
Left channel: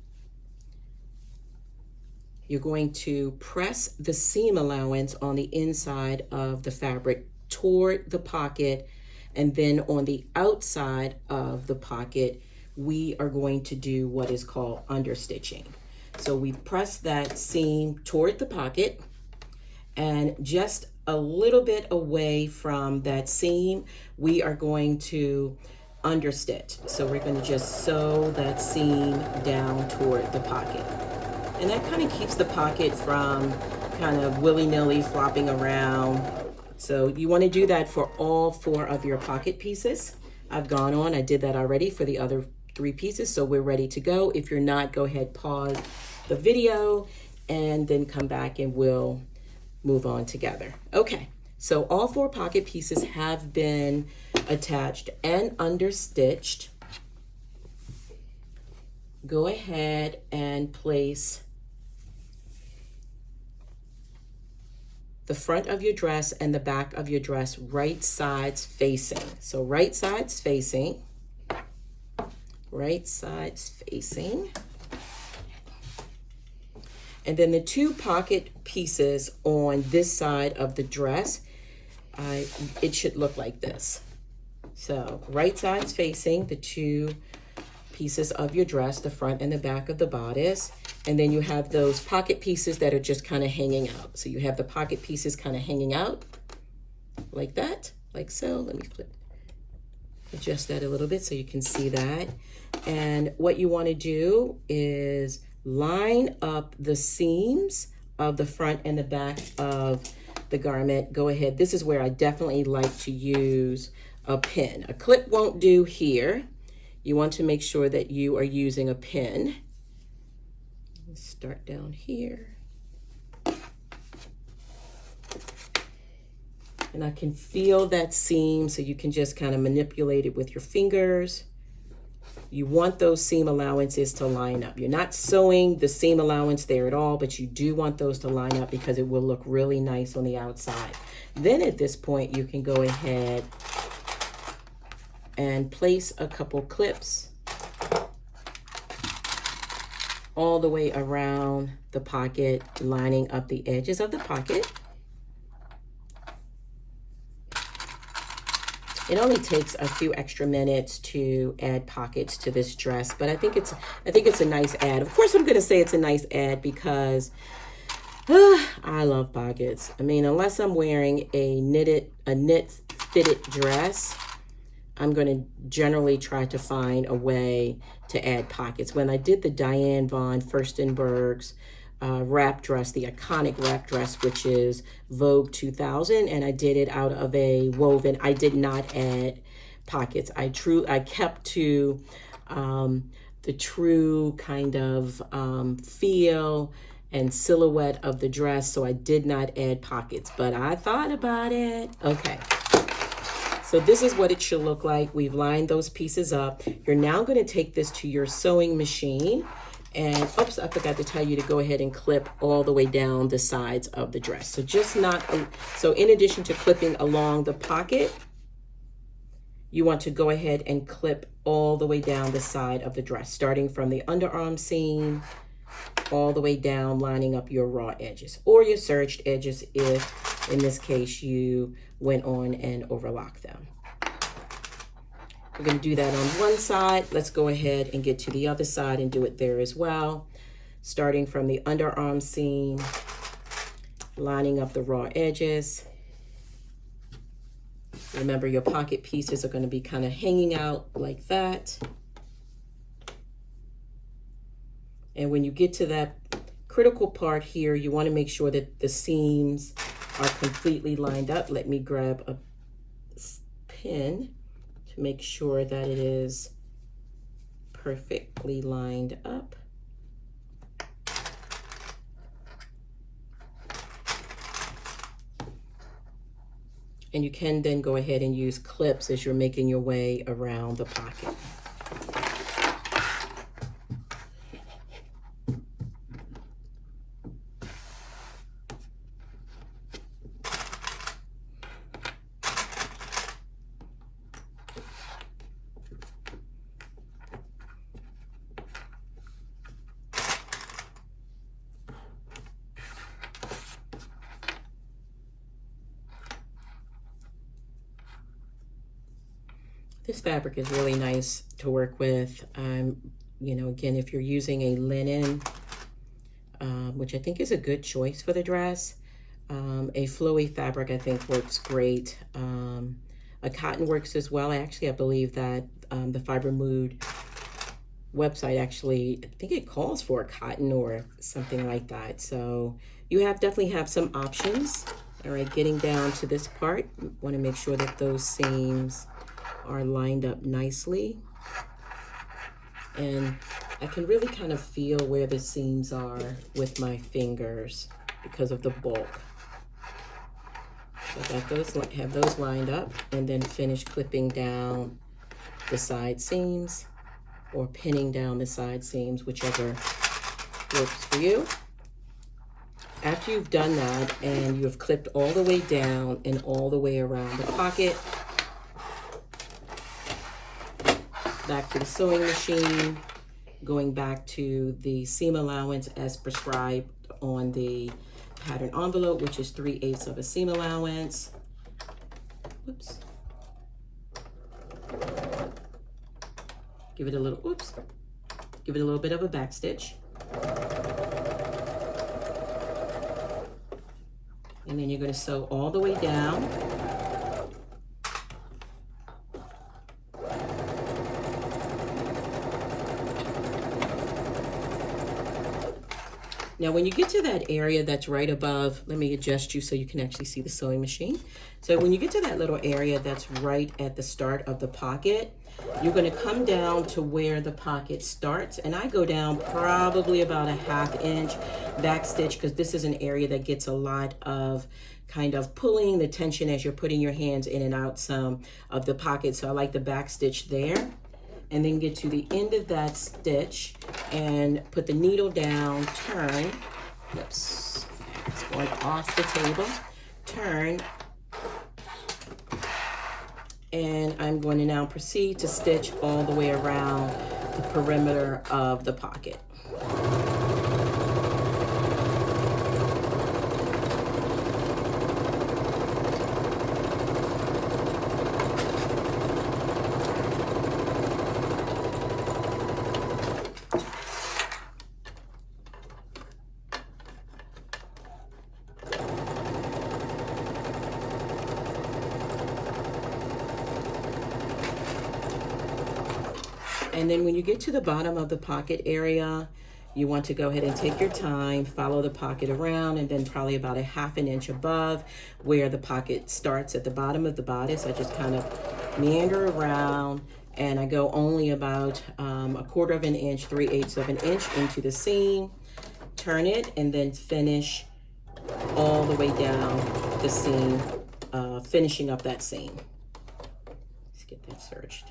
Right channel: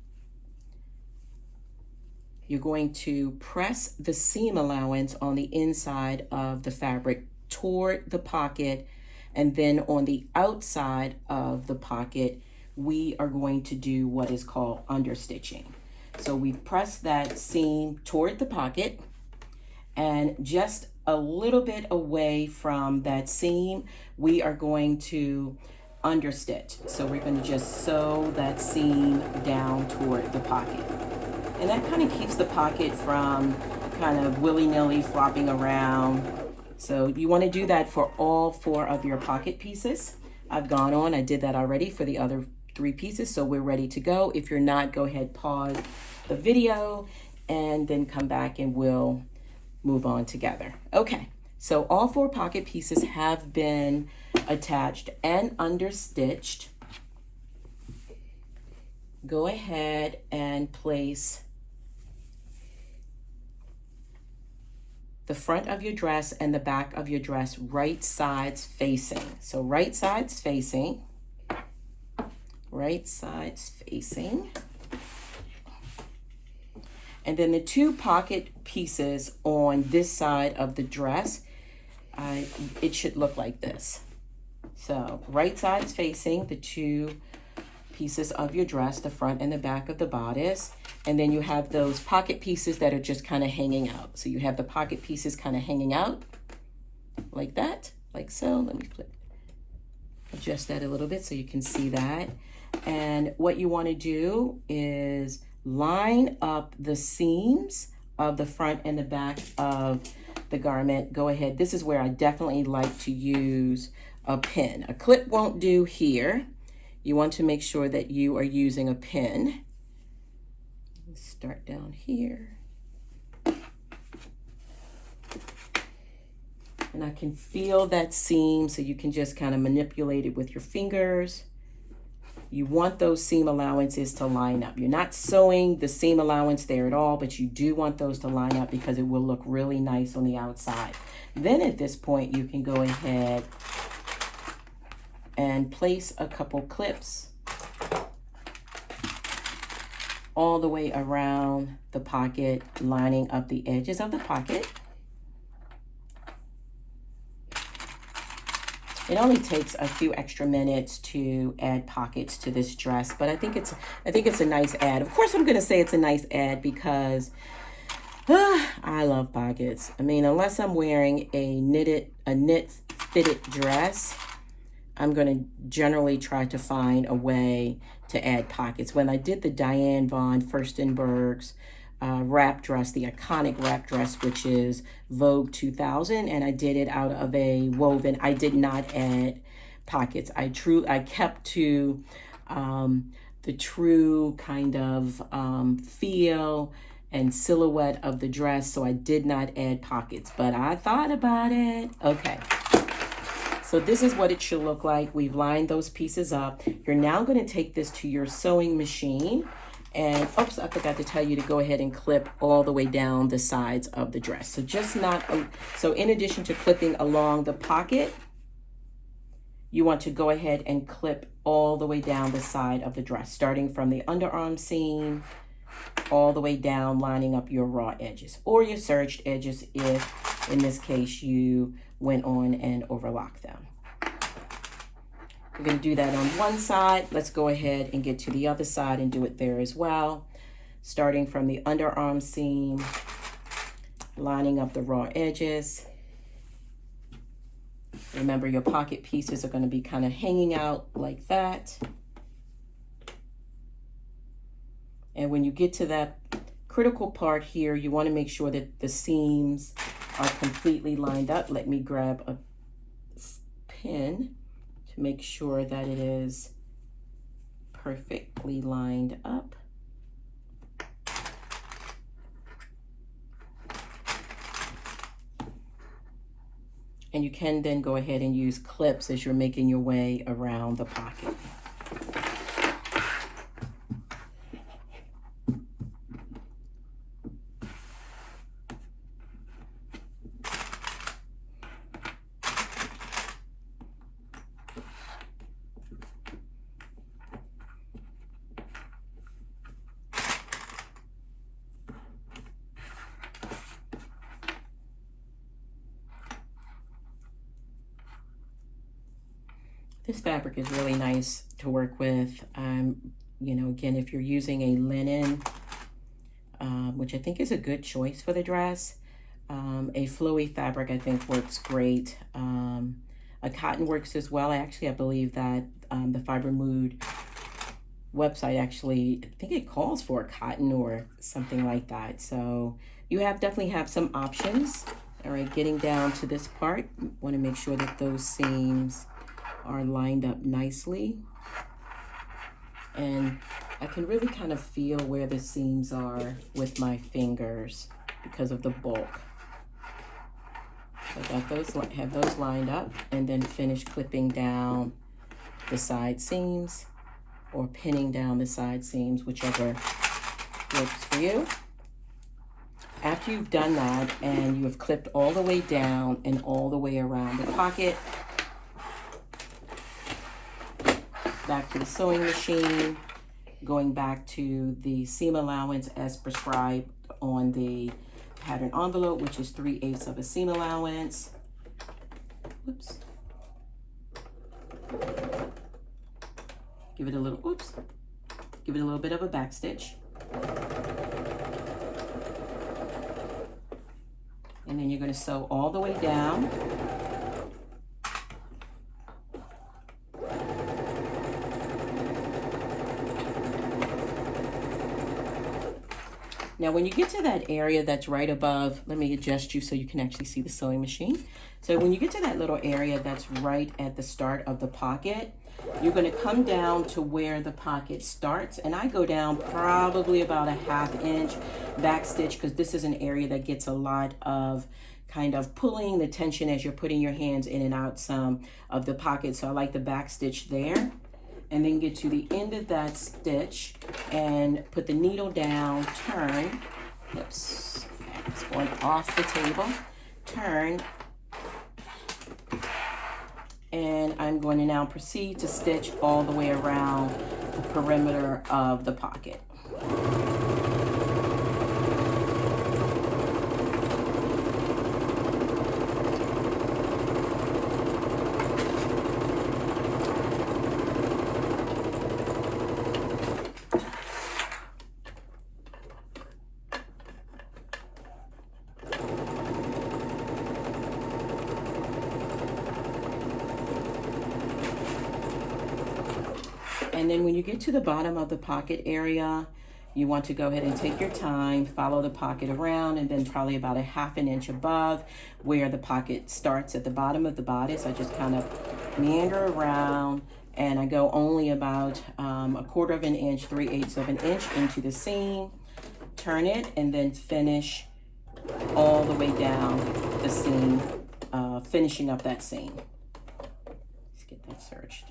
You're going to press the seam allowance on the inside of the fabric toward the pocket, and then on the outside of the pocket, we are going to do what is called understitching. So we press that seam toward the pocket, and just a little bit away from that seam, we are going to understitch. So we're going to just sew that seam down toward the pocket. And that kind of keeps the pocket from kind of willy-nilly flopping around. So you want to do that for all 4 of your pocket pieces. I've gone on, I did that already for the other 3 pieces, so we're ready to go. If you're not, go ahead, pause the video, and then come back and we'll move on together. Okay, so all 4 pocket pieces have been attached and understitched. Go ahead and place the front of your dress and the back of your dress right sides facing. So right sides facing, right sides facing. And then the 2 pocket pieces on this side of the dress, it should look like this. So right sides facing, the 2 pieces of your dress, the front and the back of the bodice. And then you have those pocket pieces that are just kind of hanging out. So you have the pocket pieces kind of hanging out like that, like so. Let me adjust that a little bit so you can see that. And what you want to do is line up the seams of the front and the back of the garment. Go ahead. This is where I definitely like to use a pin. A clip won't do here. You want to make sure that you are using a pin. Let's start down here. And I can feel that seam, so you can just kind of manipulate it with your fingers. You want those seam allowances to line up. You're not sewing the seam allowance there at all, but you do want those to line up because it will look really nice on the outside. Then at this point, you can go ahead and place a couple clips all the way around the pocket, lining up the edges of the pocket. It only takes a few extra minutes to add pockets to this dress, but I think it's a nice add. Of course, I'm going to say it's a nice add because I love pockets. I mean, unless I'm wearing a knit fitted dress, I'm going to generally try to find a way to add pockets. When I did the Diane von Furstenberg's wrap dress, the iconic wrap dress, which is Vogue 2000, and I did it out of a woven, I did not add pockets. I kept to the true kind of feel and silhouette of the dress, so I did not add pockets, but I thought about it. Okay. So this is what it should look like. We've lined those pieces up. You're now going to take this to your sewing machine. And oops, I forgot to tell you to go ahead and clip all the way down the sides of the dress. So so in addition to clipping along the pocket, you want to go ahead and clip all the way down the side of the dress, starting from the underarm seam all the way down, lining up your raw edges or your serged edges if, in this case, you went on and overlocked them. We're going to do that on one side. Let's go ahead and get to the other side and do it there as well. Starting from the underarm seam, lining up the raw edges, Remember, your pocket pieces are going to be kind of hanging out like that. And when you get to that critical part here, you want to make sure that the seams are completely lined up. Let me grab a pin to make sure that it is perfectly lined up. And you can then go ahead and use clips as you're making your way around the pocket. This fabric is really nice to work with. You know, again, if you're using a linen, which I think is a good choice for the dress, a flowy fabric I think works great. A cotton works as well. I believe that the Fibre Mood website actually, I think it calls for a cotton or something like that. So you definitely have some options. All right, getting down to this part, want to make sure that those seams are lined up nicely, and I can really kind of feel where the seams are with my fingers because of the bulk. So I have those lined up, and then finish clipping down the side seams or pinning down the side seams, whichever works for you. After you've done that and you've clipped all the way down and all the way around the pocket, back to the sewing machine, going back to the seam allowance as prescribed on the pattern envelope, which is 3/8 of a seam allowance. Whoops. Give it a little, whoops. Give it a little bit of a back stitch. And then you're going to sew all the way down. Now, when you get to that area that's right above, let me adjust you so you can actually see the sewing machine. So when you get to that little area that's right at the start of the pocket, you're going to come down to where the pocket starts. And I go down probably about a 1/2 inch back stitch, because this is an area that gets a lot of kind of pulling the tension as you're putting your hands in and out some of the pocket. So I like the back stitch there. And then get to the end of that stitch and put the needle down, turn, whoops, it's going off the table, turn, and I'm going to now proceed to stitch all the way around the perimeter of the pocket. And then when you get to the bottom of the pocket area, you want to go ahead and take your time, follow the pocket around, and then probably about a 1/2 inch above where the pocket starts at the bottom of the bodice. I just kind of meander around, and I go only about 1/4 inch, 3/8 of an inch into the seam, turn it, and then finish all the way down the seam, finishing up that seam. Let's get that serged.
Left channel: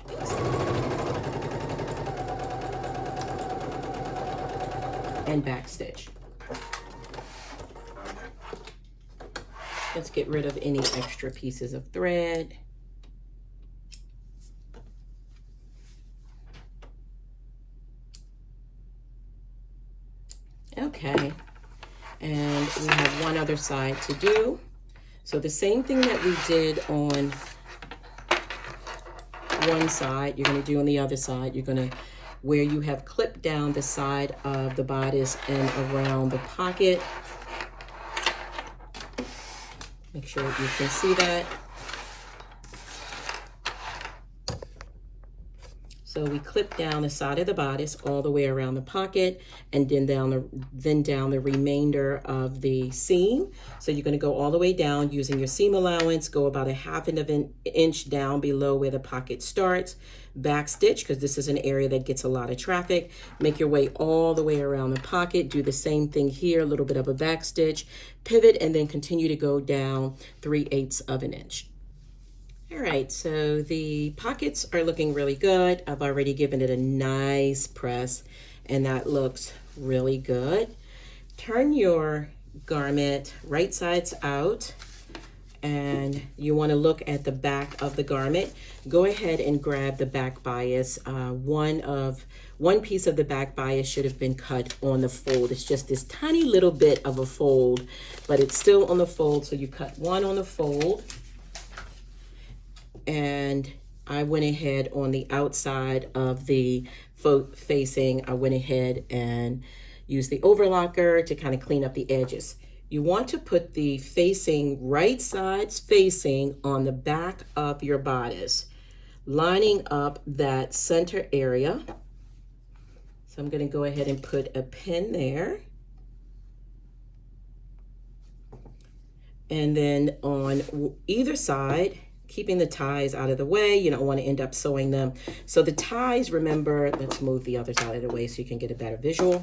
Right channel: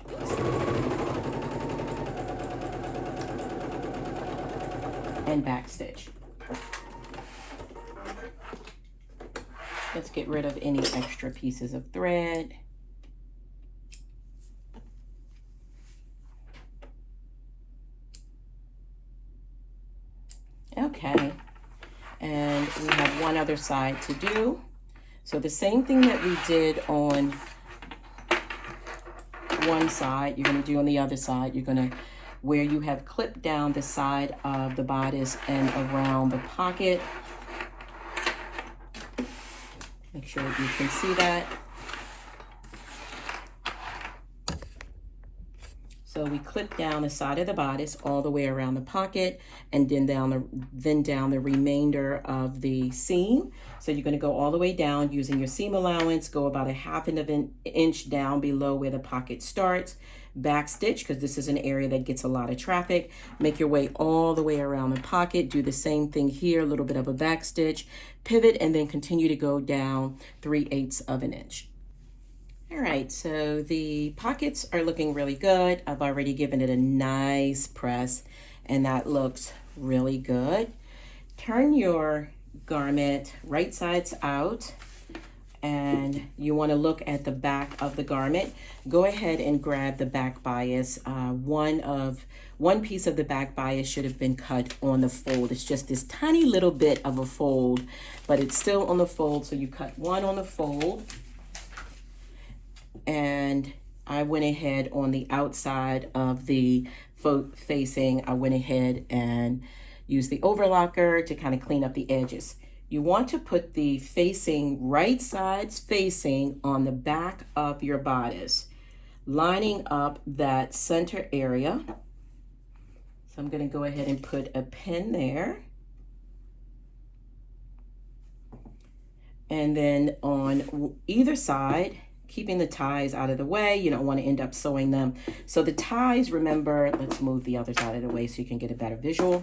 And back stitch. Let's get rid of any extra pieces of thread. Okay, and we have one other side to do. So the same thing that we did on one side, you're going to do on the other side. You're going to, where you have clipped down the side of the bodice and around the pocket. Make sure that you can see that. So we clip down the side of the bodice all the way around the pocket, and then down the remainder of the seam. So you're going to go all the way down using your seam allowance, go about a half of an inch down below where the pocket starts, back stitch, because this is an area that gets a lot of traffic. Make your way all the way around the pocket, do the same thing here, a little bit of a back stitch, pivot, and then continue to go down 3/8 of an inch. All right, so the pockets are looking really good. I've already given it a nice press, and that looks really good. Turn your garment right sides out, and you want to look at the back of the garment. Go ahead and grab the back bias. One piece of the back bias should have been cut on the fold. It's just this tiny little bit of a fold, but it's still on the fold, so you cut one on the fold. And I went ahead on the outside of the facing, I went ahead and used the overlocker to kind of clean up the edges. You want to put the facing, right sides facing on the back of your bodice, lining up that center area. So I'm going to go ahead and put a pin there. And then on either side, keeping the ties out of the way. You don't want to end up sewing them. So the ties, remember, let's move the other side of the way so you can get a better visual.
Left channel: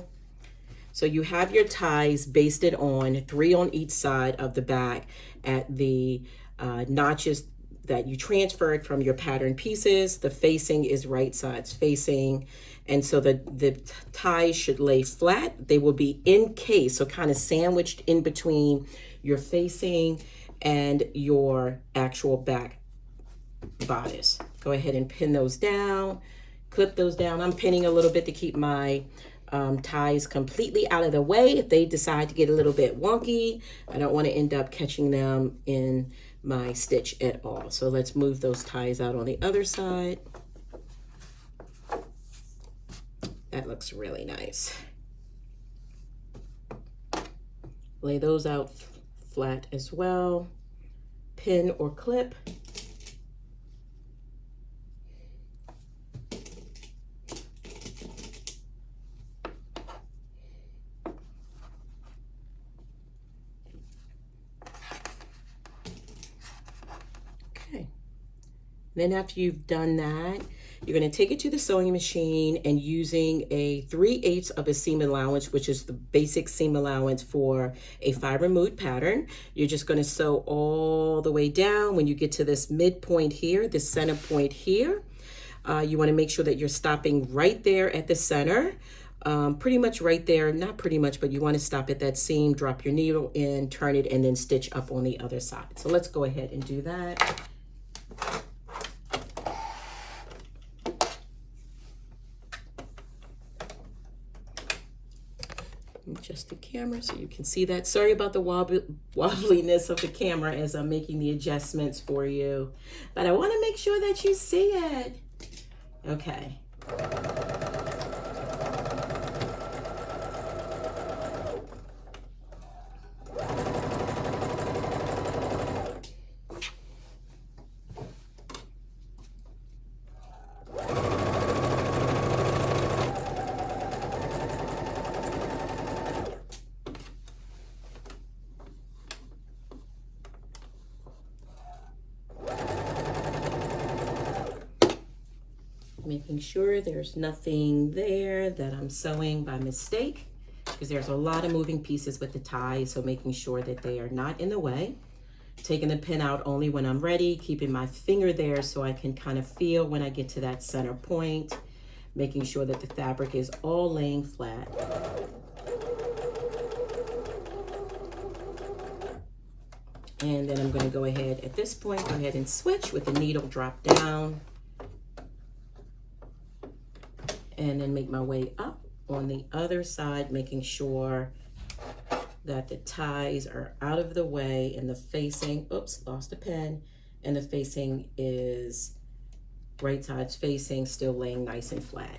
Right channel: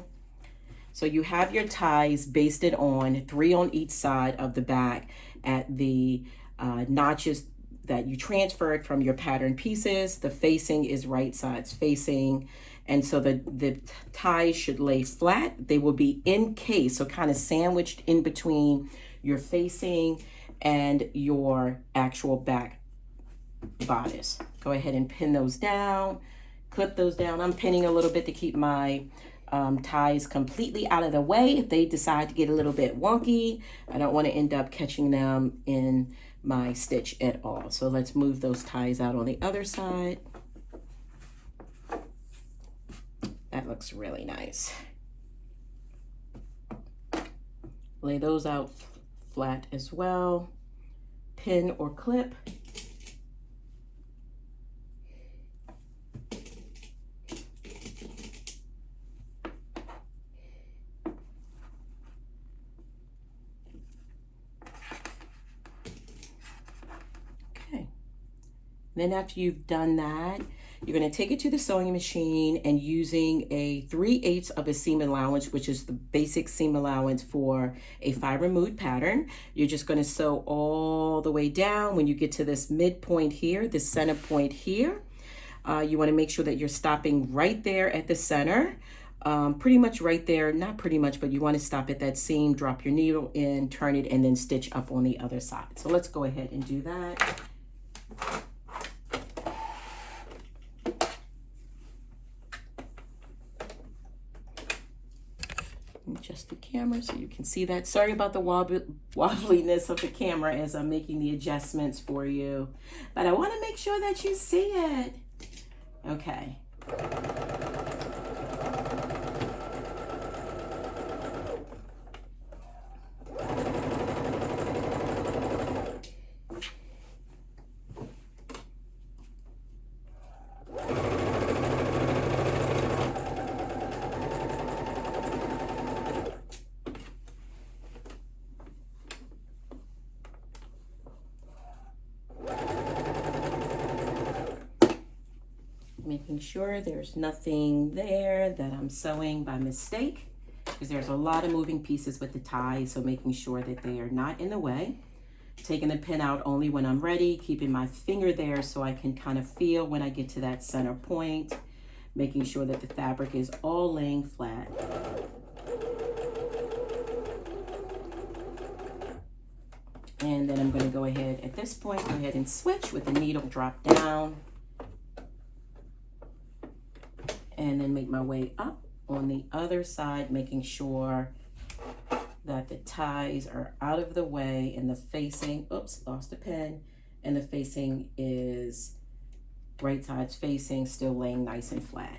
So you have your ties basted on 3 on each side of the back at the notches that you transferred from your pattern pieces. The facing is right sides facing. And so the ties should lay flat. They will be encased, so kind of sandwiched in between your facing and your actual back bodice. Go ahead and pin those down, clip those down. I'm pinning a little bit to keep my ties completely out of the way. If they decide to get a little bit wonky, I don't want to end up catching them in my stitch at all. So let's move those ties out on the other side. That looks really nice. Lay those out flat as well. Pin or clip. Okay. Then after you've done that, you're going to take it to the sewing machine, and using a 3/8 of a seam allowance, which is the basic seam allowance for a Fibre Mood pattern, you're just going to sew all the way down. When you get to this midpoint here, the center point here, you want to make sure that you're stopping right there at the center, pretty much right there, not pretty much, but you want to stop at that seam, drop your needle in, turn it, and then stitch up on the other side. So let's go ahead and do that. Adjust the camera so you can see that. Sorry about the wobbliness of the camera as I'm making the adjustments for you, but I want to make sure that you see it. Okay. Making sure there's nothing there that I'm sewing by mistake, because there's a lot of moving pieces with the ties, so making sure that they are not in the way. Taking the pin out only when I'm ready, keeping my finger there so I can kind of feel when I get to that center point, making sure that the fabric is all laying flat. And then I'm going to go ahead at this point, go ahead and switch with the needle drop down. And then make my way up on the other side, making sure that the ties are out of the way and the facing, oops, lost a pen, and the facing is right sides facing, still laying nice and flat.